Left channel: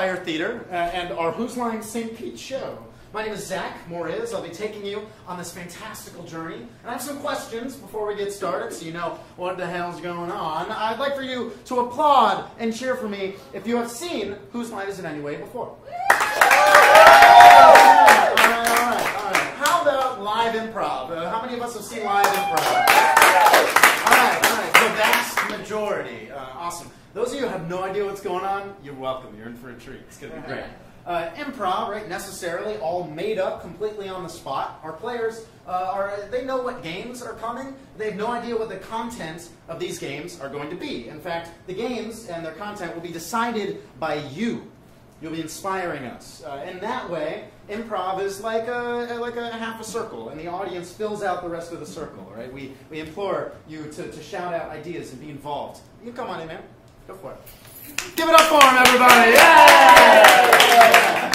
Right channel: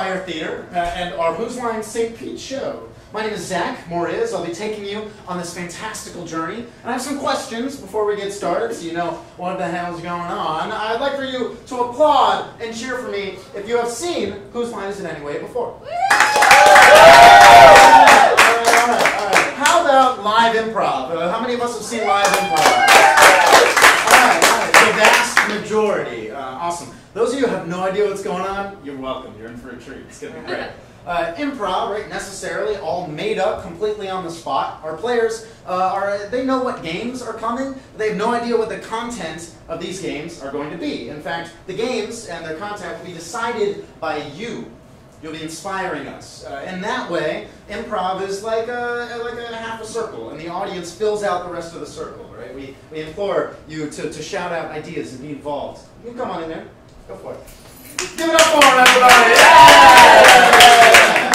Fire Theater and our Whose Line St. Pete show. My name is Zach Moriz. I'll be taking you on this fantastical journey. And I have some questions before we get started so you know what the hell's going on. I'd like for you to applaud and cheer for me if you have seen Whose Line Is It Anyway before. Alright. How about live improv? How many of us have seen live improv? Alright. The vast majority. Awesome. Those of you who have no idea what's going on, you're welcome. You're in for a treat. It's going to be great. Improv, right, necessarily all made up completely on the spot. Our players, they know what games are coming. They have no idea what the content of these games are going to be. In fact, the games and their content will be decided by you. You'll be inspiring us. In that way, improv is like a half a circle, and the audience fills out the rest of the circle, right? We implore you to shout out ideas and be involved. You can come on in there. Go for it. Give it up for him, everybody! Yeah!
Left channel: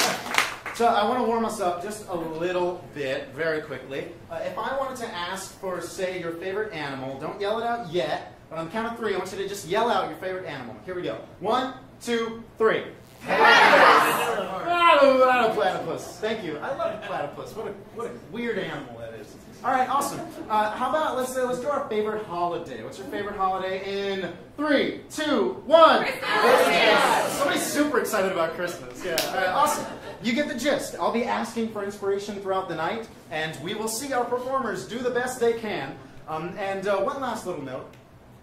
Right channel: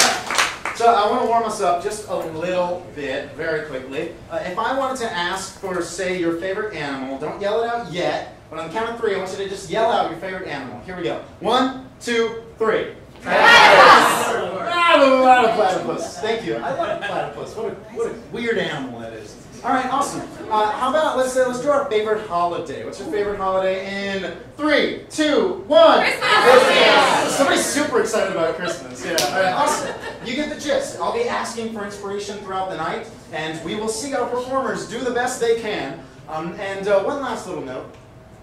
So I want to warm us up just a little bit, very quickly. If I wanted to ask for, say, your favorite animal, don't yell it out yet, but on the count of three, I want you to just yell out your favorite animal. Here we go. 1, 2, 3. Platypus! Thank you. I love platypus. What a weird animal that is. All right, awesome. How about let's do our favorite holiday. What's your favorite holiday in 3, 2, 1? Christmas! Somebody's super excited about Christmas. Yeah. All right, awesome. You get the gist. I'll be asking for inspiration throughout the night, and we will see our performers do the best they can. And one last little note.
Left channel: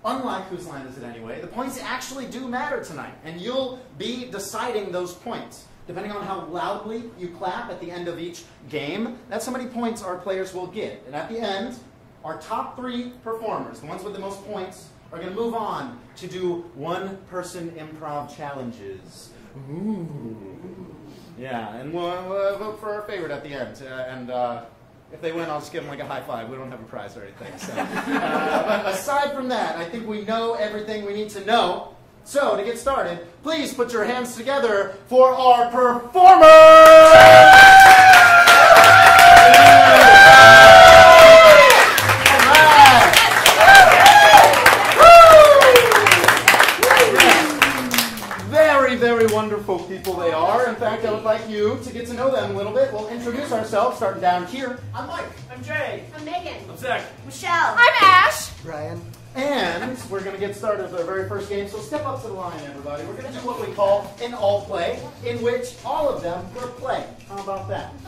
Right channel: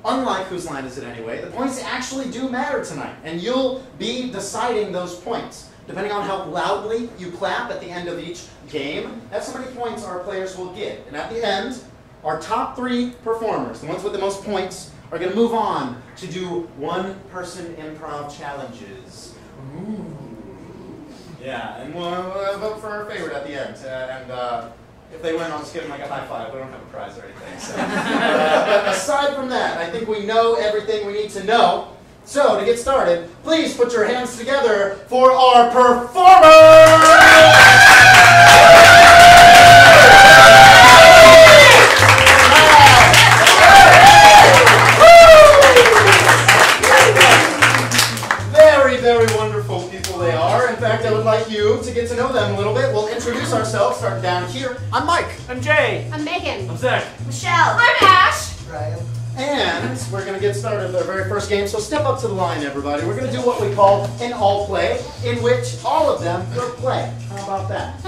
Unlike Whose Line Is It Anyway, the points actually do matter tonight, and you'll be deciding those points. Depending on how loudly you clap at the end of each game, that's how many points our players will get. And at the end, our top 3 performers, the ones with the most points, are going to move on to do one-person improv challenges. Ooh. Yeah, and we'll vote for our favorite at the end. If they win, I'll just give them like a high five. We don't have a prize or anything. So. But aside from that, I think we know everything we need to know. So, to get started, please put your hands together for our performers! Very, very wonderful people they are. In fact, I would like you to get to know them a little bit. We'll introduce ourselves, starting down here. I'm Mike. I'm Jay. I'm Megan. I'm Zach. Michelle. I'm Ash. Brian. And we're going to get started with our very first game. So step up to the line, everybody. We're going to do what we call an all play, in which all of them will play. How about that?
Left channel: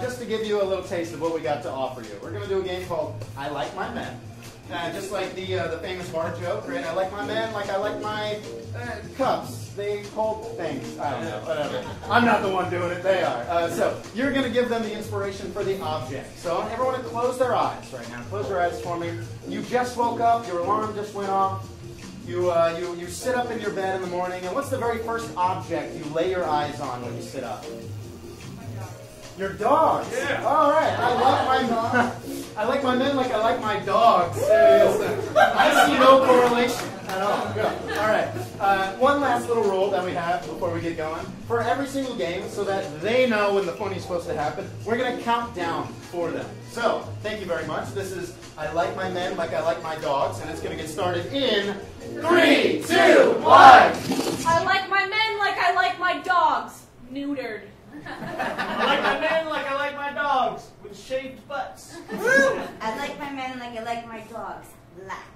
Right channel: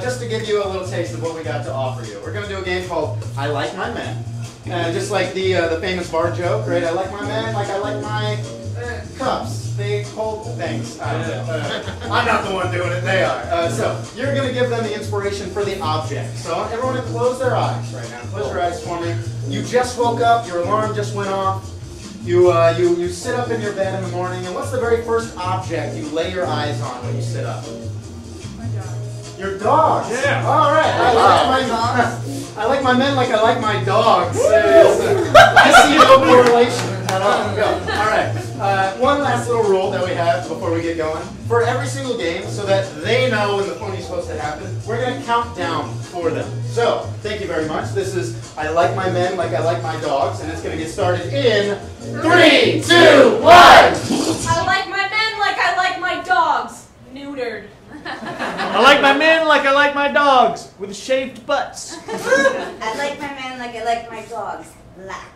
Just to give you a little taste of what we got to offer you. We're going to do a game called I Like My Men. Just like the famous bar joke, right? I like my men like I like my cups. They hold things. I don't know. I'm not the one doing it. They are. So you're going to give them the inspiration for the object. So everyone to close their eyes right now. Close your eyes for me. You just woke up. Your alarm just went off. You sit up in your bed in the morning. And what's the very first object you lay your eyes on when you sit up? Your dogs. Yeah. All right. I like my men like I like my dogs. I see no correlation at all. Go. All right. One last little rule that we have before we get going. For every single game, so that they know when the fun is supposed to happen, we're going to count down for them. So, thank you very much. This is I Like My Men Like I Like My Dogs, and it's going to get started in 3, 2, 1. I like my men like I like my dogs. Neutered. I like my men like I like my dogs, with shaved butts. I like my men like I like my dogs. Black.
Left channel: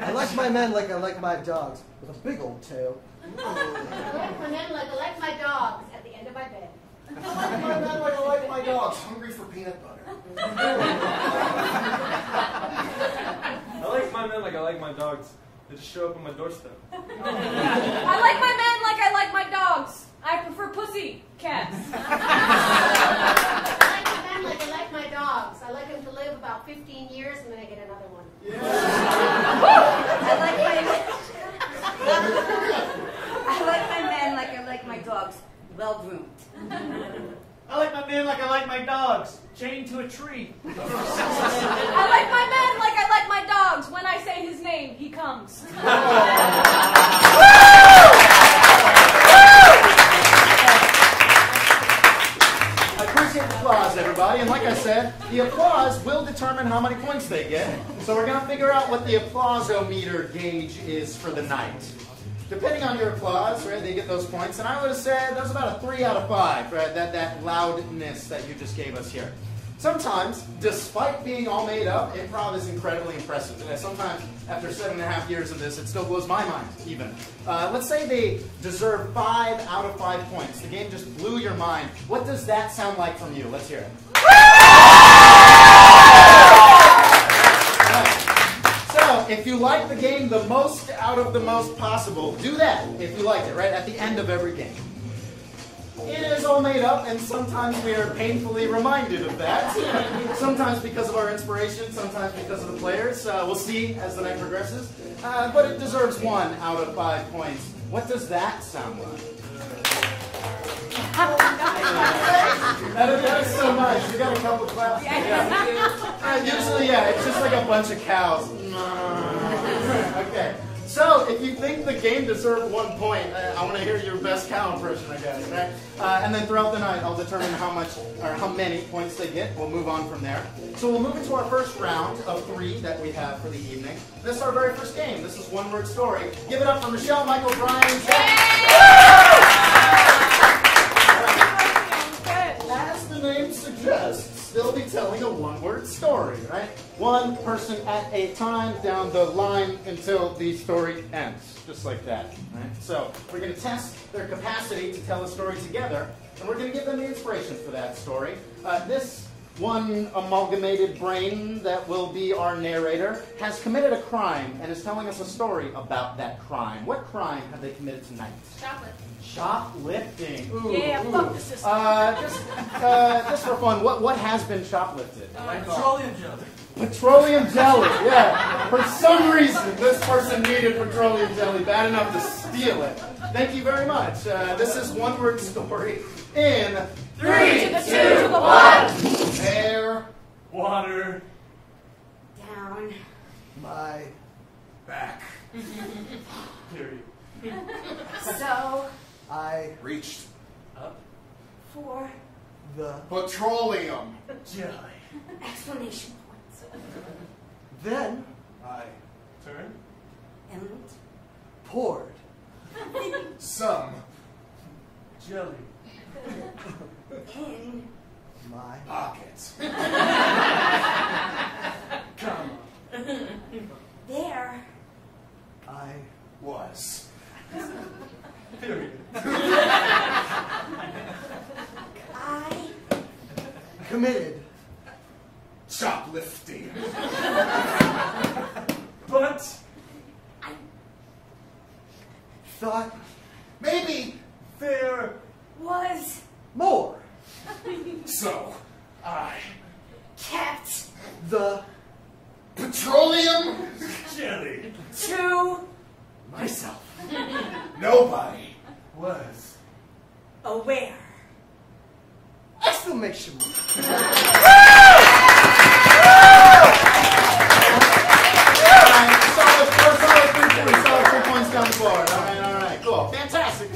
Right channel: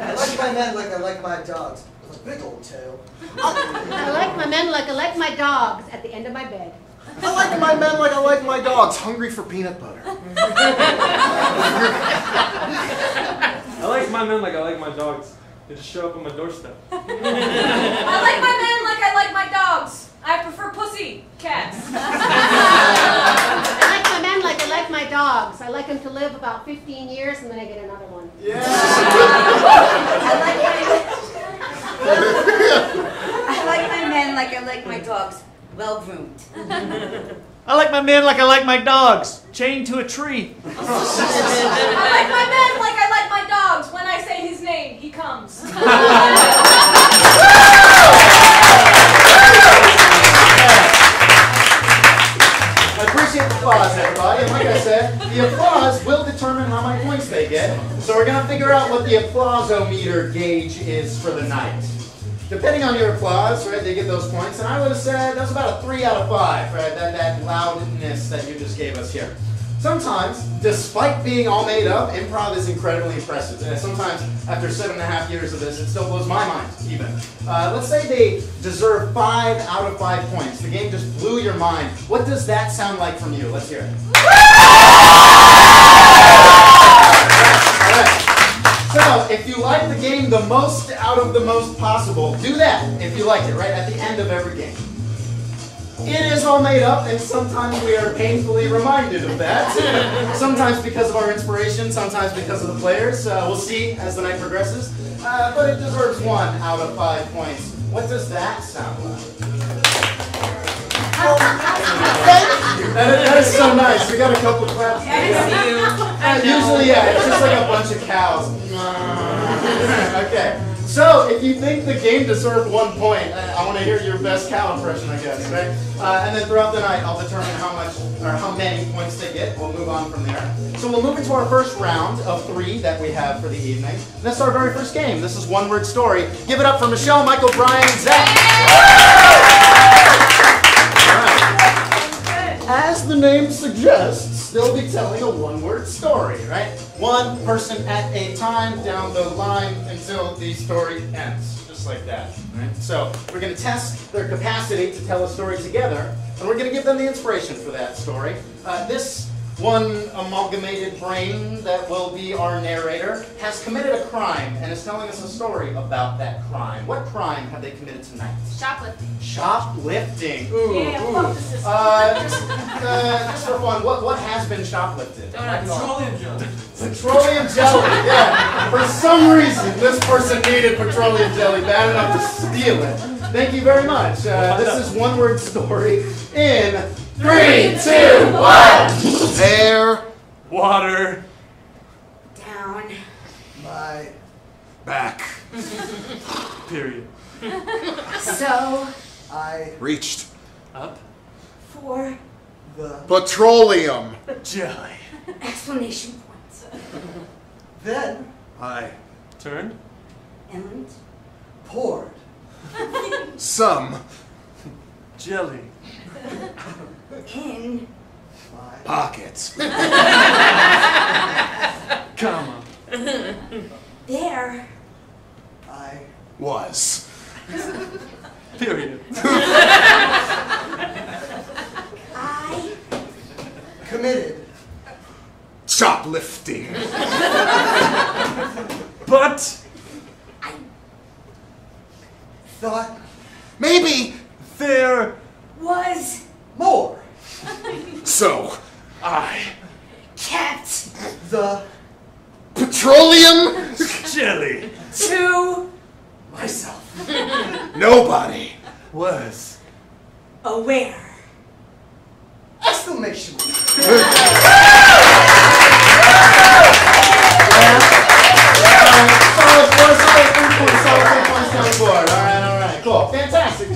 I like my men like I like my dogs, with a big old tail. I like my men like I like my dogs at the end of my bed. I like my men like I like my dogs, hungry for peanut butter. I like my men like I like my dogs. They just show up on my doorstep. I like my men like I like my dogs. I prefer pussy cats. I like my men like I like my dogs. I like them to live about 15 years and then I get another one. Yeah. I like my men like I like my dogs, well groomed. I like my men like I like my dogs, chained to a tree. I like my men like I like my dogs. When I say his name, he comes. I appreciate the applause, everybody. And like I said, the applause will determine how many points they get. So we're going to figure out what the applause-o-meter gauge is for the night. depending on your applause, right, they get those points. And I would have said that was about a 3 out of 5, right, that loudness that you just gave us here. Sometimes, despite being all made up, improv is incredibly impressive. And sometimes, after 7.5 years of this, it still blows my mind, even. Let's say they deserve 5 out of 5 points. The game just blew your mind. What does that sound like from you? Let's hear it. So, if you like the game the most out of the most possible, do that if you like it, right, at the end of every game. It is all made up, and sometimes we are painfully reminded of that. Sometimes because of our inspiration, sometimes because of the players. We'll see as the night progresses. But it deserves 1 out of 5 points. What does that sound like? That is so nice. We got a couple of claps. Usually, yeah, it's just like a bunch of cows. Okay. So, if you think the game deserved 1 point, I want to hear your best cow impression, I guess, right? And then throughout the night, I'll determine how much or how many points they get. We'll move on from there. So we'll move into our first round of 3 that we have for the evening. That's our very first game. This is One Word Story. Give it up for Michelle, Michael, Brian, and Zach. As the name suggests, they'll be telling a one-word story, right? One person at a time down the line until the story ends, just like that. Right? So we're going to test their capacity to tell a story together, and we're going to give them the inspiration for that story. This one amalgamated brain that will be our narrator has committed a crime and is telling us a story about that crime. What crime have they committed tonight? Shoplifting. Shoplifting. Ooh, Yeah, ooh. fuck the system. Just for fun, what has been shoplifted? Petroleum jelly. Petroleum jelly, yeah. For some reason, this person needed petroleum jelly bad enough to steal it. Thank you very much. This is One Word Story in 3, 2, 1. Air, Water. Down. My back, Period. So, I reached, Up. for the petroleum. Jelly. explanation points. then I Turned. And poured some Jelly. in my pockets. Comma. there I Was Period. I committed shoplifting. But thought Maybe there was more so. I kept the petroleum. jelly to myself. Nobody. was aware. Exclamation point. Solid 3 points down the board. All right, cool. Fantastic.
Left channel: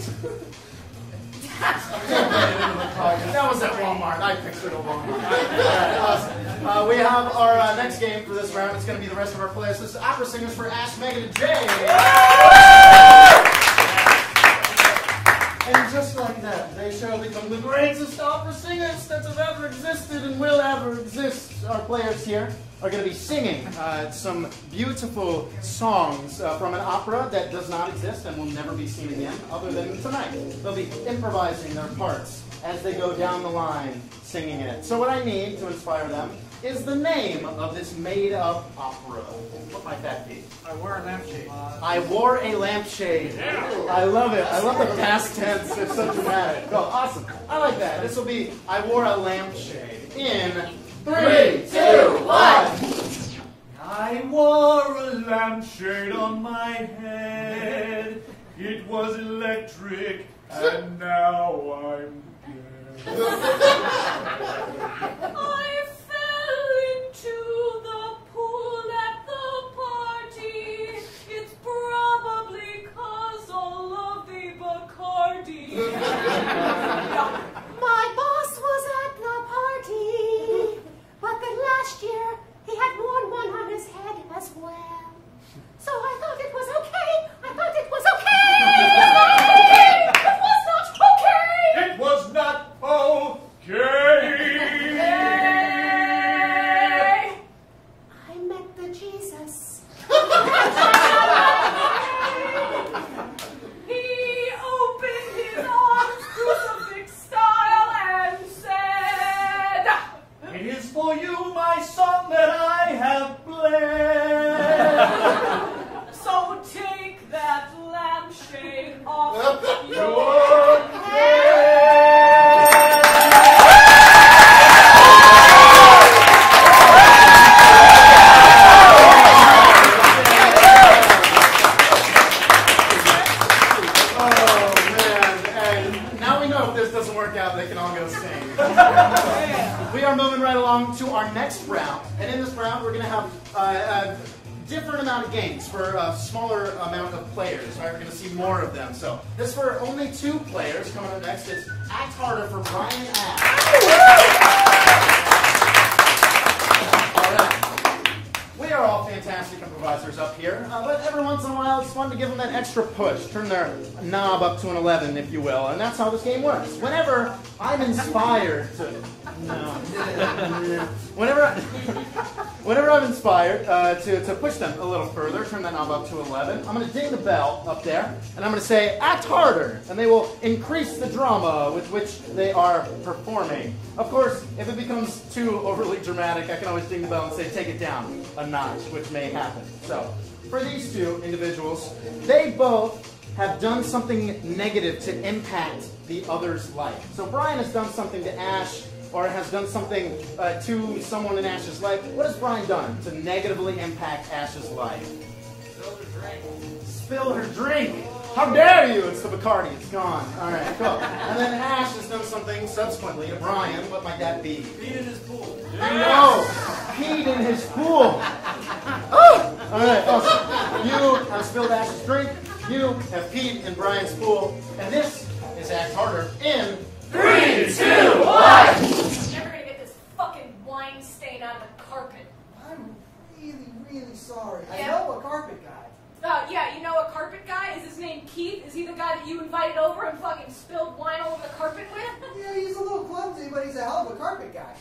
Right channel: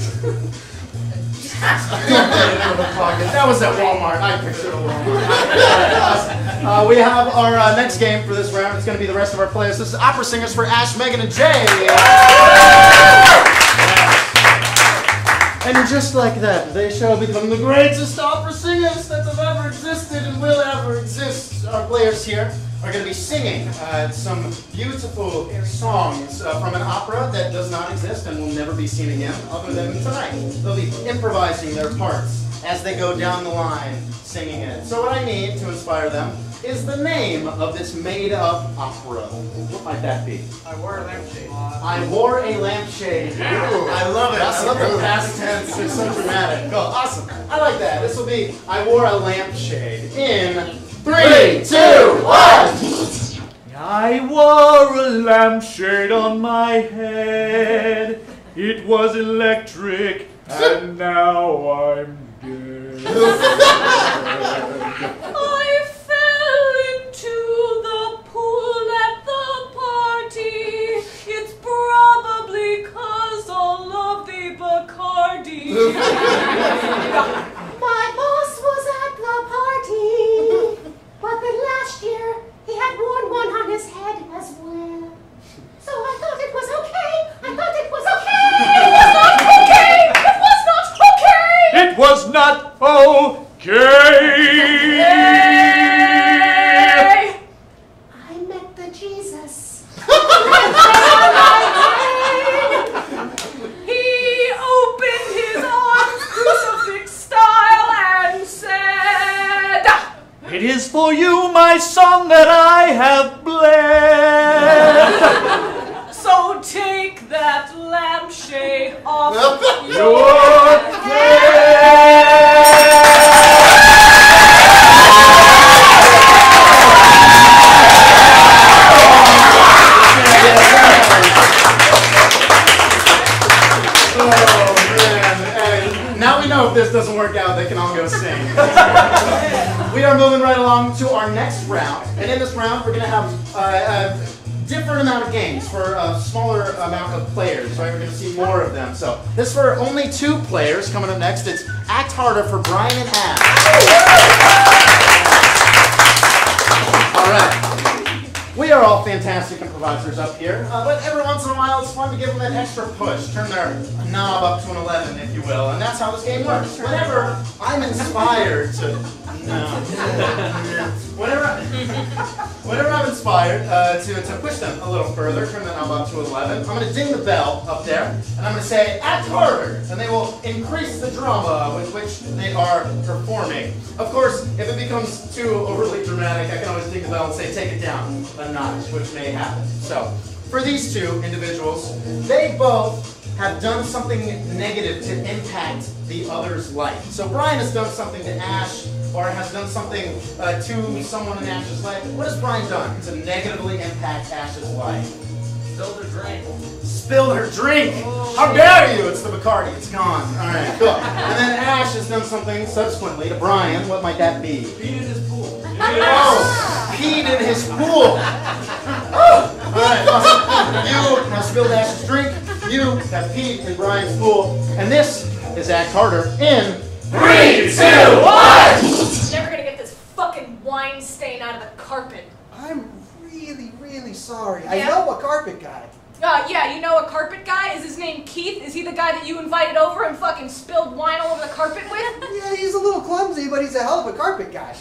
That was at Walmart. I pictured a Walmart. All right, awesome. We have our next game for this round. It's going to be the rest of our players. This is Opera Singers for Ash, Megan, and Jay. And just like that, they shall become the greatest opera singers that have ever existed and will ever exist. Our players here are going to be singing some beautiful songs from an opera that does not exist and will never be seen again other than tonight. They'll be improvising their parts as they go down the line singing it. So what I need to inspire them is the name of this made-up opera. What might that be? I wore a lampshade. I wore a lampshade. Ooh, I love it. I love the past tense. It's so dramatic. Go, awesome. I like that. This will be I wore a lampshade in 3, 2, 1. I wore a lampshade on my head. It was electric, and now I'm dead. I fell into the pool at the party. It's probably 'cause all of the Bacardi. My boss was at the party, but then last year he had worn one on his head as well. So have bled. So take that lampshade off Your this doesn't work out, they can all go sing. We are moving right along to our next round, and in this round we're going to have a different amount of games for a smaller amount of players, right? We're going to see more of them. So this is for only 2 players. Coming up next, it's Act Harder for Brian and Ash. All right. We are all fantastic improvisers up here, but every once in a while it's fun to give them that extra push, turn their knob up to an 11, if you will, and that's how this game works. Whenever I'm inspired to... Whenever I'm inspired to push them a little further, turn the knob up to 11, I'm going to ding the bell up there, and I'm going to say, act harder, and they will increase the drama with which they are performing. Of course, if it becomes too overly dramatic, I can always ding the bell and say, take it down a notch, which may happen. So, for these 2 individuals, they both have done something negative to impact the other's life. So Brian has done something to Ash, or has done something to someone in Ash's life. What has Brian done to negatively impact Ash's life? Spilled her drink. Spilled her drink! How dare you! It's the Bacardi, it's gone. Alright, cool. And then Ash has done something subsequently to Brian. What might that be? Peed in his pool. Oh, peed in his pool! Oh. Alright, awesome. You have spilled Ash's drink, you have peed in Brian's pool, and this is Act Harder in 3, 2, 1! Never gonna get this fucking wine stain out of the carpet. I'm really sorry. Yeah? I know a carpet guy. Yeah, you know a carpet guy? Is his name Keith? Is he the guy that you invited over and fucking spilled wine all over the carpet with? Yeah, he's a little clumsy, but he's a hell of a carpet guy.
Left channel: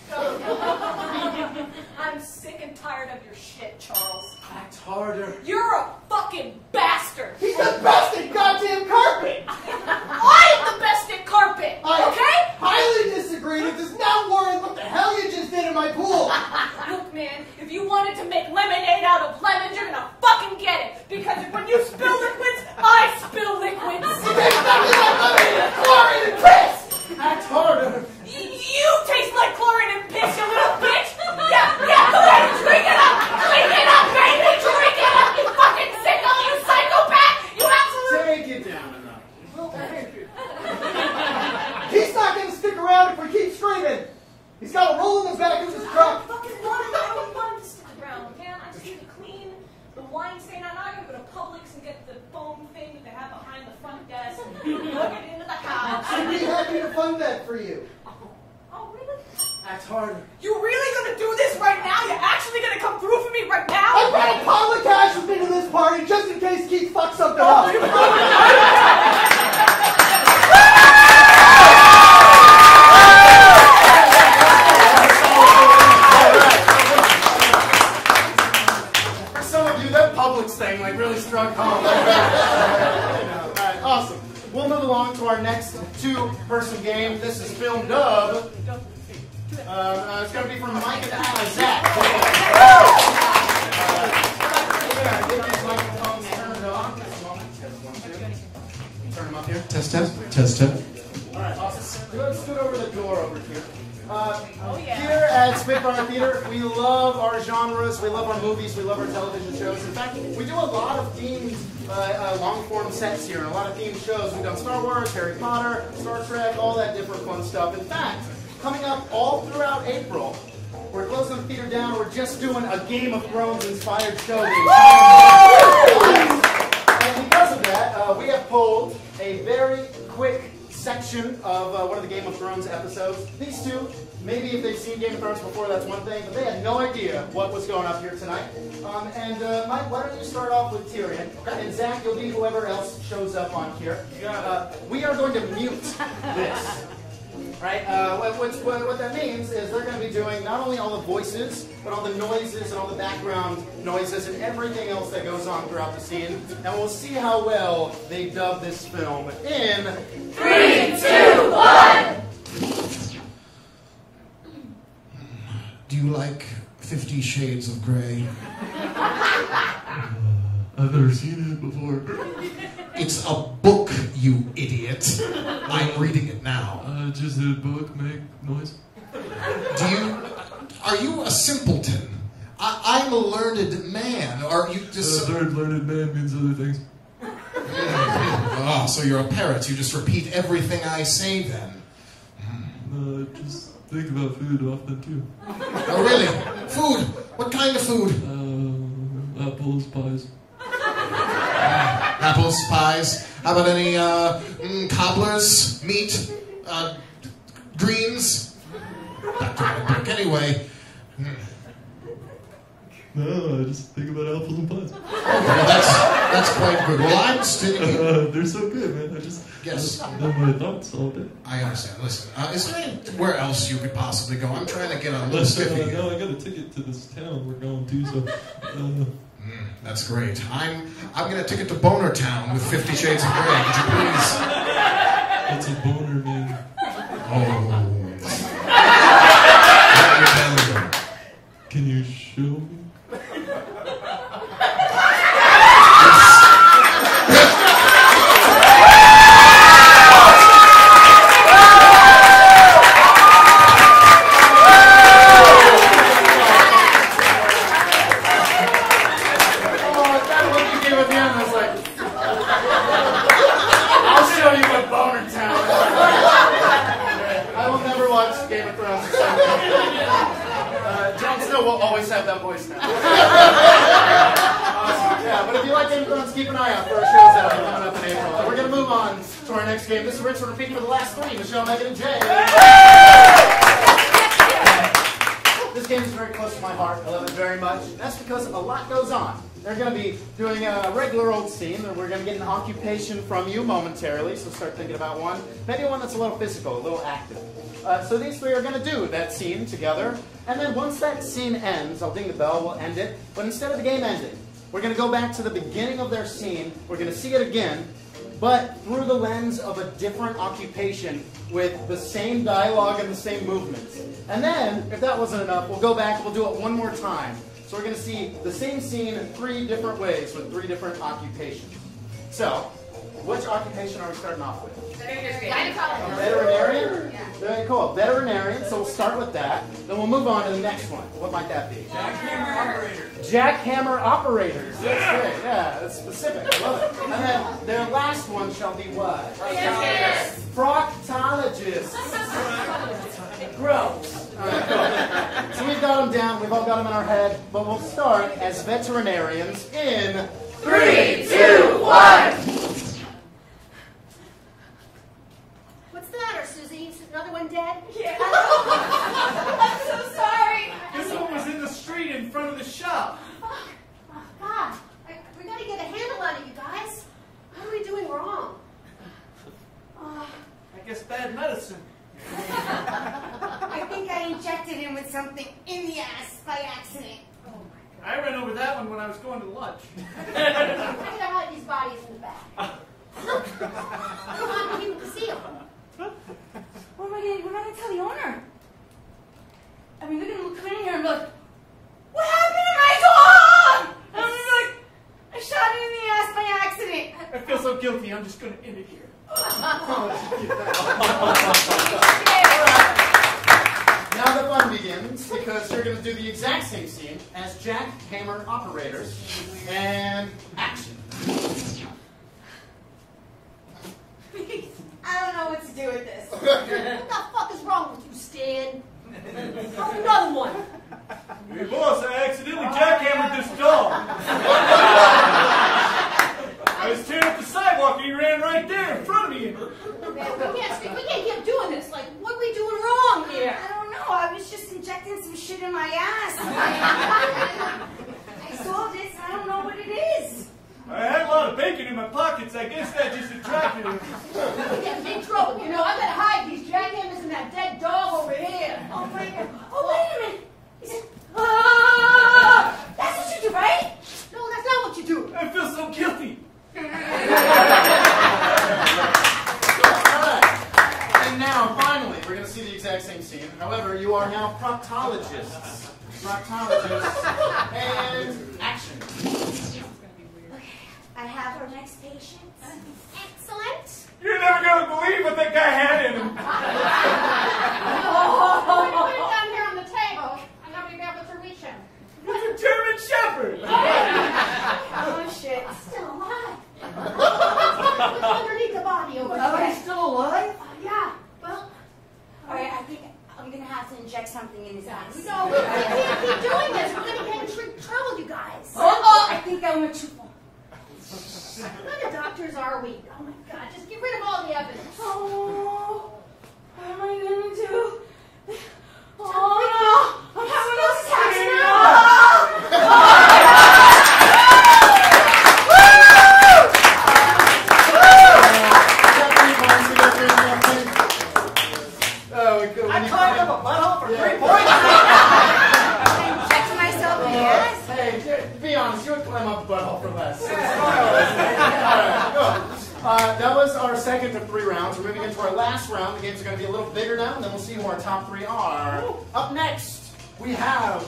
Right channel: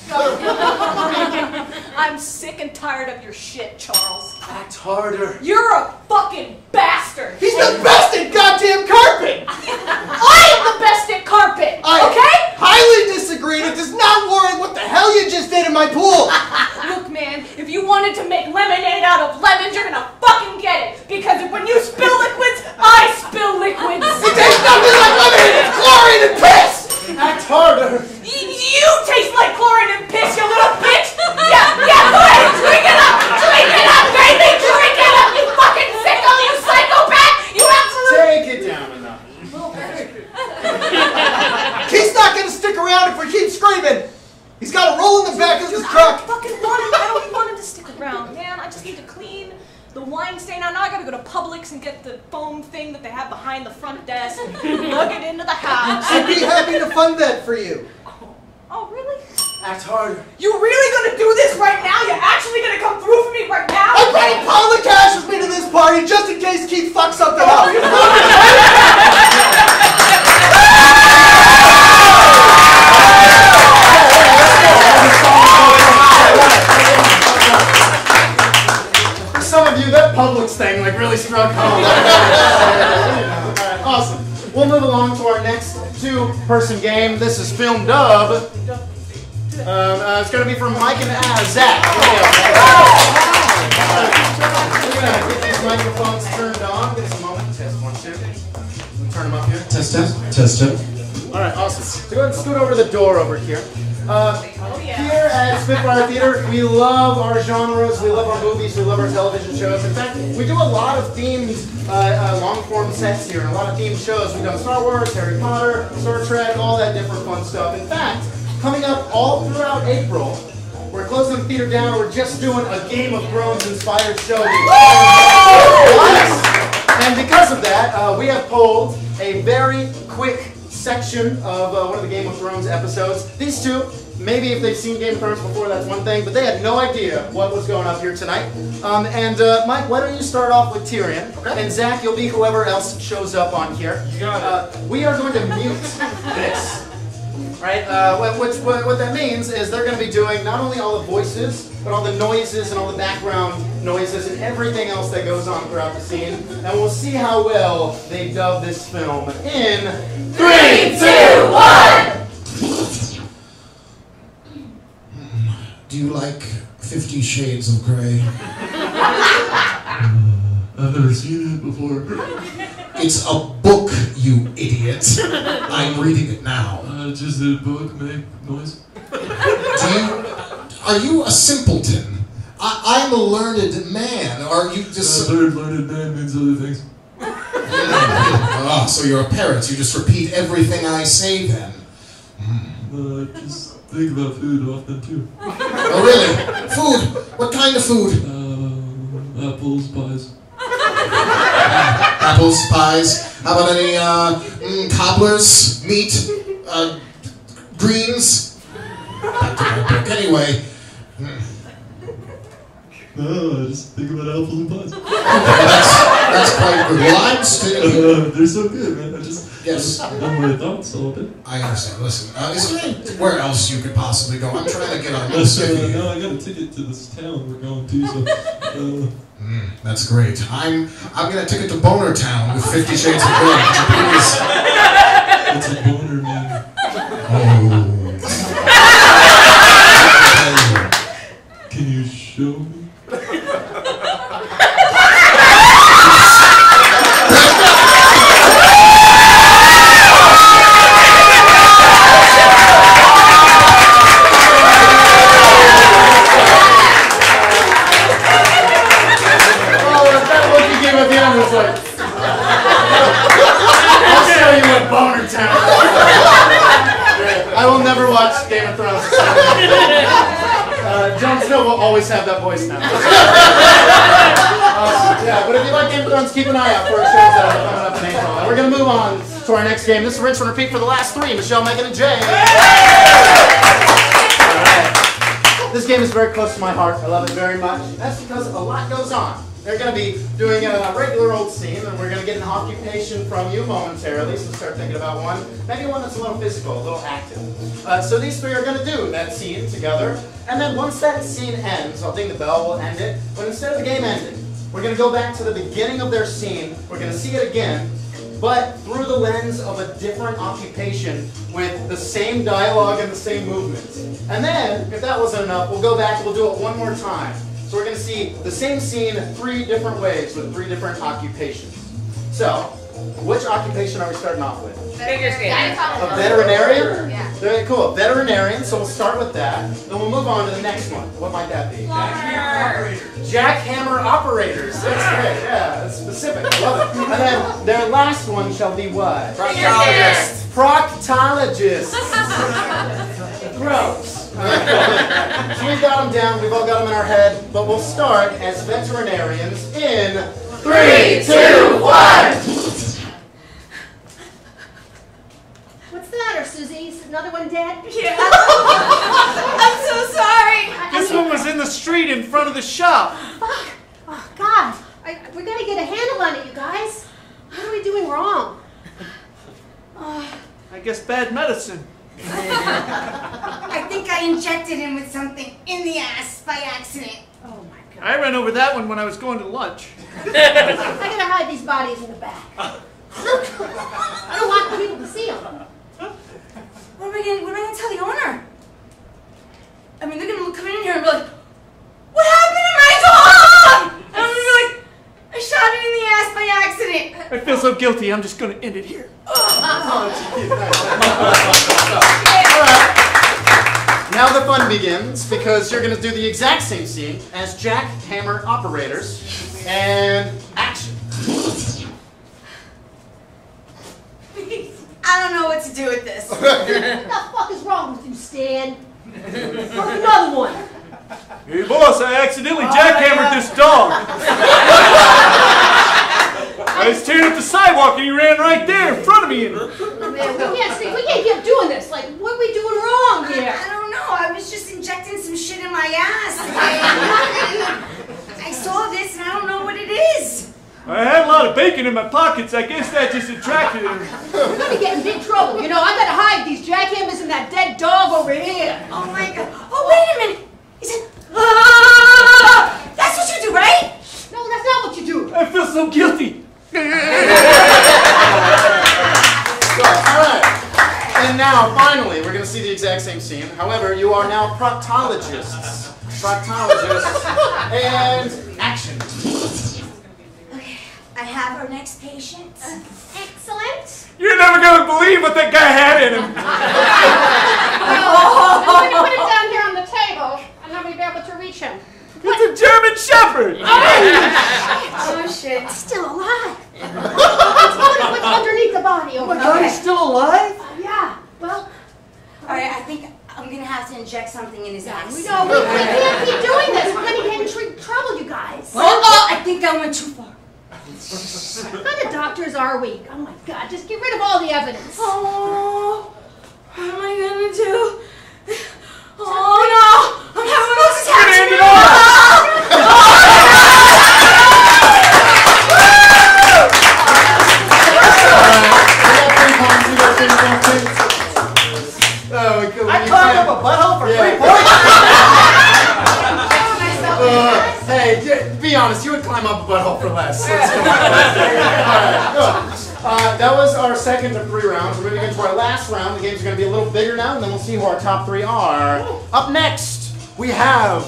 I'm sick and tired of your shit, Charles. Act harder. You're a fucking bastard! He's the best at goddamn carpet! I am the best at carpet! I Okay? highly disagree, and it does not warrant what the hell you just did in my pool! Look, man, if you wanted to make lemonade out of lemons, you're gonna fucking get it! Because when you spill liquids, I spill liquids! It tastes nothing like lemonade, it's chlorine and piss! Act harder. You taste like chlorine and piss, you little bitch! Yeah, go ahead, drink it up! Drink it up, baby! Drink it up, you fucking sicko, you psychopath! You absolute... Take it down enough. Keith's not gonna stick around if we keep screaming! He's got a roll in the back of his truck! I don't want him to stick around, man. I just need to clean the wine stain out. Now I gotta go to Publix and get the foam thing that they have behind the front desk and plug it into the house. I'd be happy to fund that for you. Oh, really? Act harder. You really gonna do this right now? You're actually gonna come through for me right now? I brought a pile of cash with me to this party just in case Keith fucks something up. Some of you, that Publix thing like really struck home. Alright, awesome. We'll move along to our next 2-person game. This is Film Dub. It's going to be from Mike and Zach. We're going to get these microphones turned on. Give us a moment. Test 1, 2. Turn them up here. Test. Alright, awesome. So go ahead and scoot over to the door over here. Here at Spitfire Theater, we love our genres, we love our movies, we love our television shows. In fact, we do a lot of themed, long-form sets here, and a lot of themed shows. We've done Star Wars, Harry Potter, Star Trek, all that different fun stuff. In fact, coming up all throughout April, we're closing the theater down, and we're just doing a Game of Thrones-inspired show. And because of that, we have pulled a very quick section of one of the Game of Thrones episodes. These 2, maybe if they've seen Game of Thrones before, that's one thing, but they had no idea what was going up here tonight. Mike, why don't you start off with Tyrion, Okay. and Zach, you'll be whoever else shows up on here. You got We are going to mute this. Right? What that means is they're going to be doing not only all the voices, but all the noises and all the background noises and everything else that goes on throughout the scene. And we'll see how well they dub this film in 3, 2, 1! Do you like 50 Shades of Grey? I've never seen it before. It's a book, you idiot. I'm reading it now. Does the book make noise? Are you a simpleton? I'm a learned man. Are you just... Learned man means other things. Ah, so you're a parrot. You just repeat everything I say then. I just think about food often too. Oh, really? Food? What kind of food? Apples, pies. Apples, pies. How about any cobblers, meat, greens? Back to my book. Anyway. No, I just think about apples and pies. That's quite good. Well, I'm still... they're so good, man. I just... Yes. Know my thoughts all day. I understand. Listen, is there anywhere else you could possibly go? I'm trying to get on this. No, I got a ticket to this town we're going to, so... That's great. I'm gonna ticket to Boner Town with 50 Shades of Grey. Could you please? What's a boner mean? Oh. Can you show me? Have that voice now. Yeah, but if you like Game of Thrones, keep an eye out for our shows that are coming up in April. And we're going to move on to our next game. This is rinse and repeat for the last three. Michelle, Megan, and Jay. Right. This game is very close to my heart. I love it very much. That's because a lot goes on. They're going to be doing a regular old scene, and we're going to get an occupation from you momentarily, so start thinking about one. Maybe one that's a little physical, a little active. So these three are going to do that scene together, and then once that scene ends, I'll ding the bell, we'll end it, but instead of the game ending, we're going to go back to the beginning of their scene, we're going to see it again, but through the lens of a different occupation with the same dialogue and the same movements. And then, if that wasn't enough, we'll go back and we'll do it one more time. So we're going to see the same scene in 3 different ways with 3 different occupations. So, which occupation are we starting off with? Figure skating. A veterinarian? Yeah. Very cool. A veterinarian, so we'll start with that. Then we'll move on to the next one. What might that be? Jackhammer operators. That's great. Yeah, that's specific. I love it. And then their last one shall be what? Proctologist. Proctologists. Gross. Alright, so we've got them down, we've all got them in our head, but we'll start as veterinarians in 3, 2, 1! What's the matter, Susie? Is another one dead? Yeah. I'm so sorry. This one was in the street in front of the shop. Fuck. Oh, God. We gotta get a handle on it, you guys. What are we doing wrong? I guess bad medicine. I think I injected him with something in the ass by accident. Oh, my God. I ran over that one when I was going to lunch. I gotta hide these bodies in the back. I don't want people to see them. What am I gonna tell the owner? I mean, they're gonna come in here and be like, "What happened to my dog?" And I'm gonna be like, "I shot it in the ass by accident." I feel so guilty, I'm just going to end it here. Now the fun begins, because you're going to do the exact same scene as jackhammer operators, and action. I don't know what to do with this. What the fuck is wrong with you, Stan? Or another one. Hey boss, I accidentally jackhammered this dog. I was tearing up the sidewalk and he ran right there in front of me. Man, we can't keep doing this. Like, what are we doing wrong here? I don't know. I was just injecting some shit in my ass. I saw this and I don't know what it is. I had a lot of bacon in my pockets. I guess that just attracted him. We're gonna get in big trouble. You know, I gotta hide these jackhammers and that dead dog over here. Oh my God. Oh, wait a minute. He said, "Ah!" That's what you do, right? No, that's not what you do. I feel so guilty. Alright. And now, finally, we're going to see the exact same scene. However, you are now proctologists. proctologist, and action. Okay, I have our next patient. Excellent. You're never gonna believe what that guy had in him. I'm going to put it down here on the table, and then we'll be able to reach him. It's a German Shepherd. Oh shit. Still alive. What's underneath the body over there? Okay. Still alive? Yeah. Well, Alright, I think I'm gonna have to inject something in his eyes. we can't keep doing this. We're going to get in trouble, you guys. Oh, I think that went too far. What kind of doctors are we? Oh my God! Just get rid of all the evidence. Oh, what am I gonna do? Oh no! I'm having one of those attacks! I climbed up a butthole for 3 points. Hey, be honest, you would climb up a butthole for less. Let's go. All right, that was our second of 3 rounds. We're moving into our last round. The games are going to be a little bigger now, and then we'll see who our top 3 are. Up next, we have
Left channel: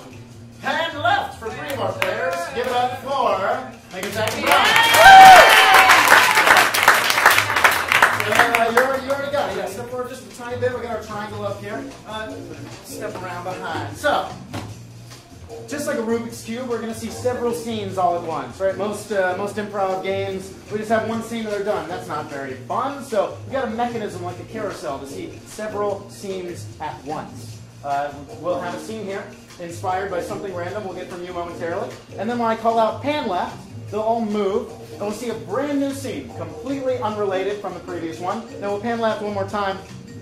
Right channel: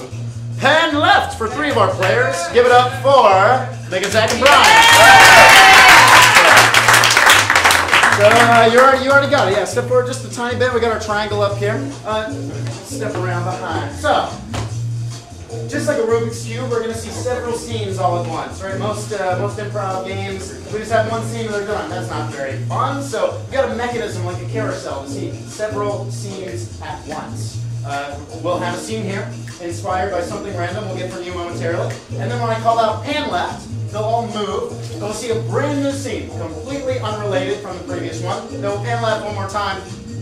Pen Left for 3 of our players. Give it up for Megan, Zach, and Brian. So you already got it. Yeah, step forward just a tiny bit. We got our triangle up here. Step around behind. So, just like a Rubik's Cube, we're going to see several scenes all at once, right? Most improv games, we just have one scene and they're done. That's not very fun. So we got a mechanism like a carousel to see several scenes at once. We'll have a scene here inspired by something random we'll get from you momentarily. And then when I call out Pan Left, they'll all move, and we'll see a brand new scene, completely unrelated from the previous one. Then we'll Pan Left one more time.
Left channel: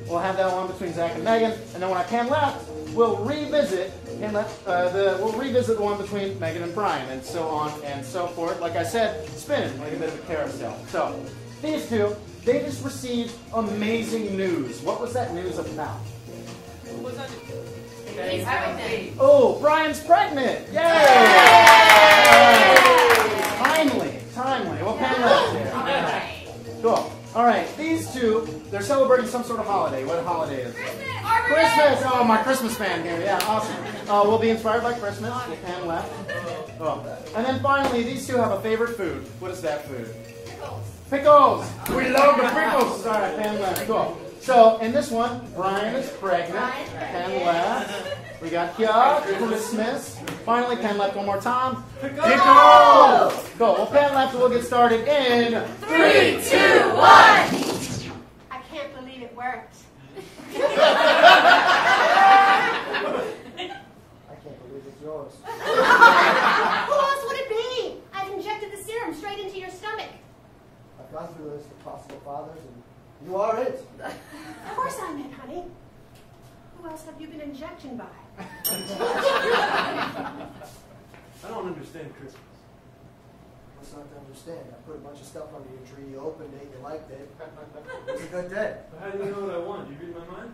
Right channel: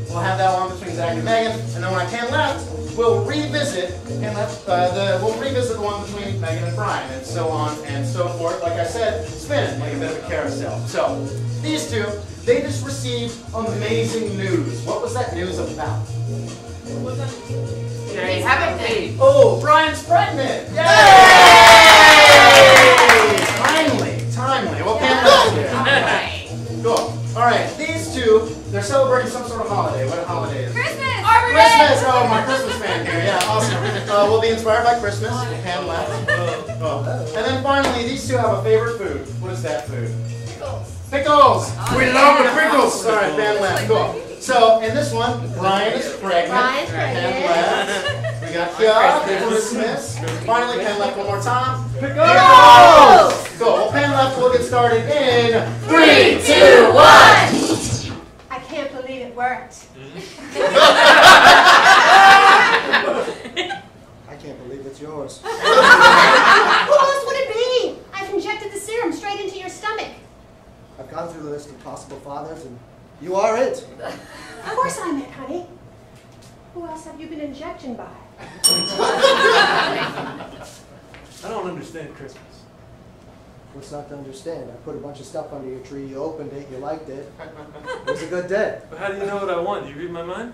We'll have that one between Zach and Megan, and then when I Pan Left, we'll revisit the one between Megan and Brian, and so on and so forth. Like I said, spin it like a bit of a carousel. So these two, they just received amazing news. What was that news about? He's having Oh, Brian's pregnant! Yay! Timely. Well, Pan Left here. Cool. All right, these two, they're celebrating some sort of holiday. What holiday is it? Christmas! Christmas! Oh, my Christmas fan here. Yeah, awesome. We'll be inspired by Christmas. Pan Left. And then finally, these two have a favorite food. What is that food? Pickles! We love the pickles! All right, Pan Left. Cool. So, in this one, Brian is pregnant. Pan Left. We got Kia, Christmas. Finally, Pan Left one more time. Pickles! Cool. Well, Pan Left, we'll get started in 3, 2, 1! I can't believe it worked. I can't believe it's yours. Who else would it be? I've injected the serum straight into your stomach. I've gone through the list of possible fathers, and you are it. Of course I'm it, honey. Who else have you been injecting by? I don't understand Christmas. What's not to understand? I put a bunch of stuff under your tree, you opened it, you liked it. It was a good day. But how do you know what I want? Do you read my mind?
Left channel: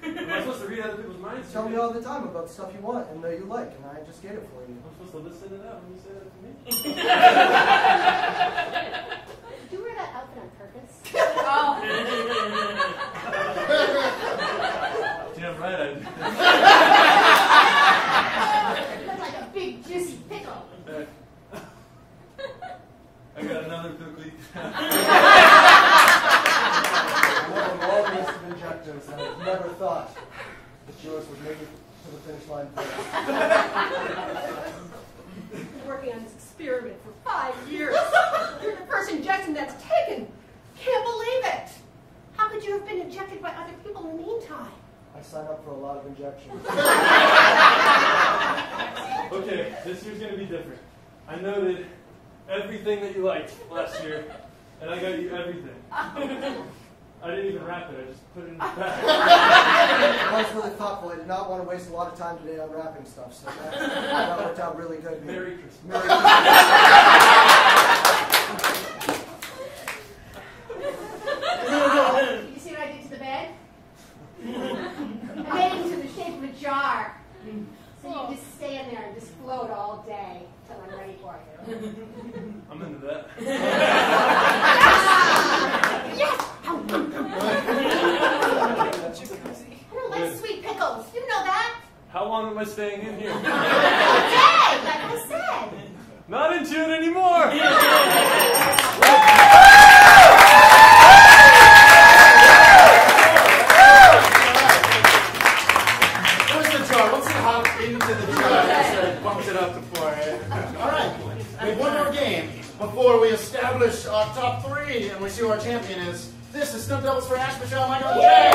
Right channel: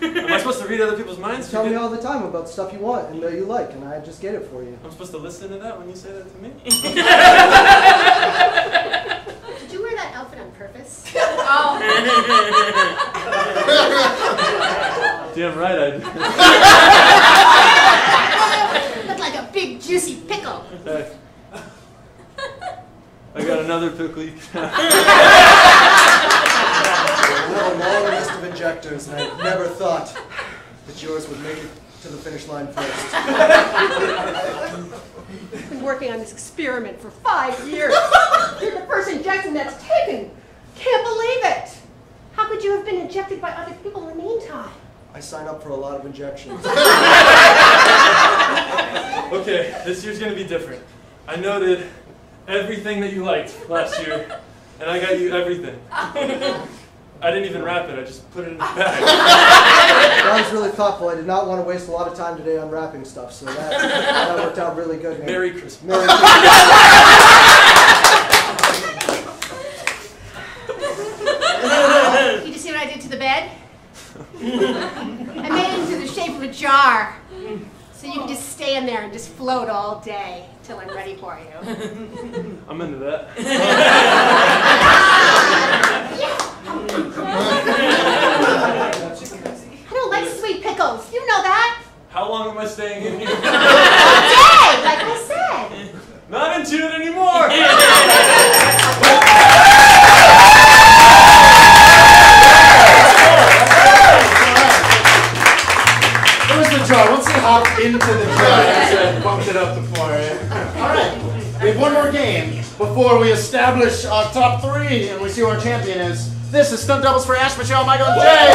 Am I supposed to read other people's minds? You tell me all the time about stuff you want and you like, and I just get it for you. I'm supposed to listen to that when you say that to me? Did you wear that outfit on purpose? Oh. Damn right I do. Look like a big juicy pickle. Hey. I got another pickle you can have. I have a long list of injectors, and I never thought that yours would make it to the finish line first. I've been working on this experiment for 5 years. You're the first injection that's taken. Can't believe it. How could you have been injected by other people in the meantime? I sign up for a lot of injections. Okay, this year's gonna be different. I noted everything that you liked last year, and I got you everything. I didn't even wrap it, I just put it in the bag. That was really thoughtful. I did not want to waste a lot of time today unwrapping stuff, so that worked out really good. Merry Christmas. Merry Christmas. Did you see what I did to the bed? I made it into the shape of a jar. So you can just stay in there and just float all day till I'm ready for you. I'm into that. I don't like like sweet pickles. You know that. How long am I staying in here? All day, like I said. Not into it anymore! Where's the jar? Once you hop into the jar, bumped it up to 4. All right, we have one more game before we establish our top 3 and we see who our champion is. This is Stunt Doubles for Ash, Michelle, Michael, and Jay.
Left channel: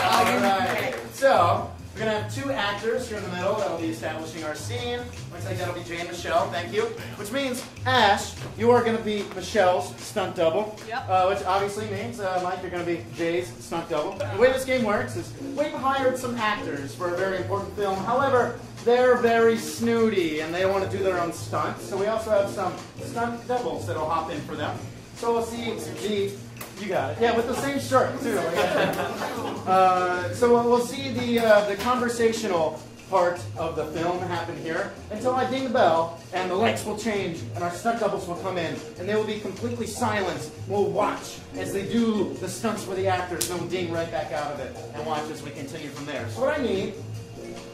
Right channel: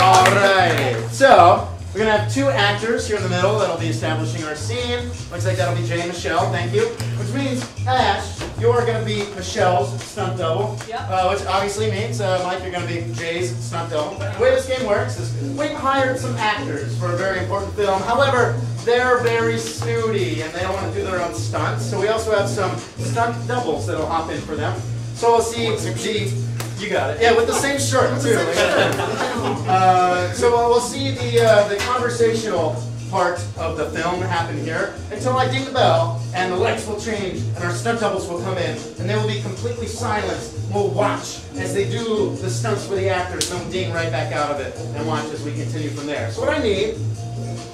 All right. So we're gonna have 2 actors here in the middle that'll be establishing our scene. Looks like that'll be Jay and Michelle. Thank you. Which means Ash, you're gonna be Michelle's stunt double. Yep. Which obviously means Mike, you're gonna be Jay's stunt double. The way this game works is we've hired some actors for a very important film. However, they're very snooty and they don't want to do their own stunts. So we also have some stunt doubles that'll hop in for them. So we'll see You got it. yeah, with the same shirt too. So we'll see the conversational part of the film happen here until I ding the bell and the lights will change and our stunt doubles will come in and they will be completely silent. We'll watch as they do the stunts for the actors, then ding right back out of it and watch as we continue from there. So what I need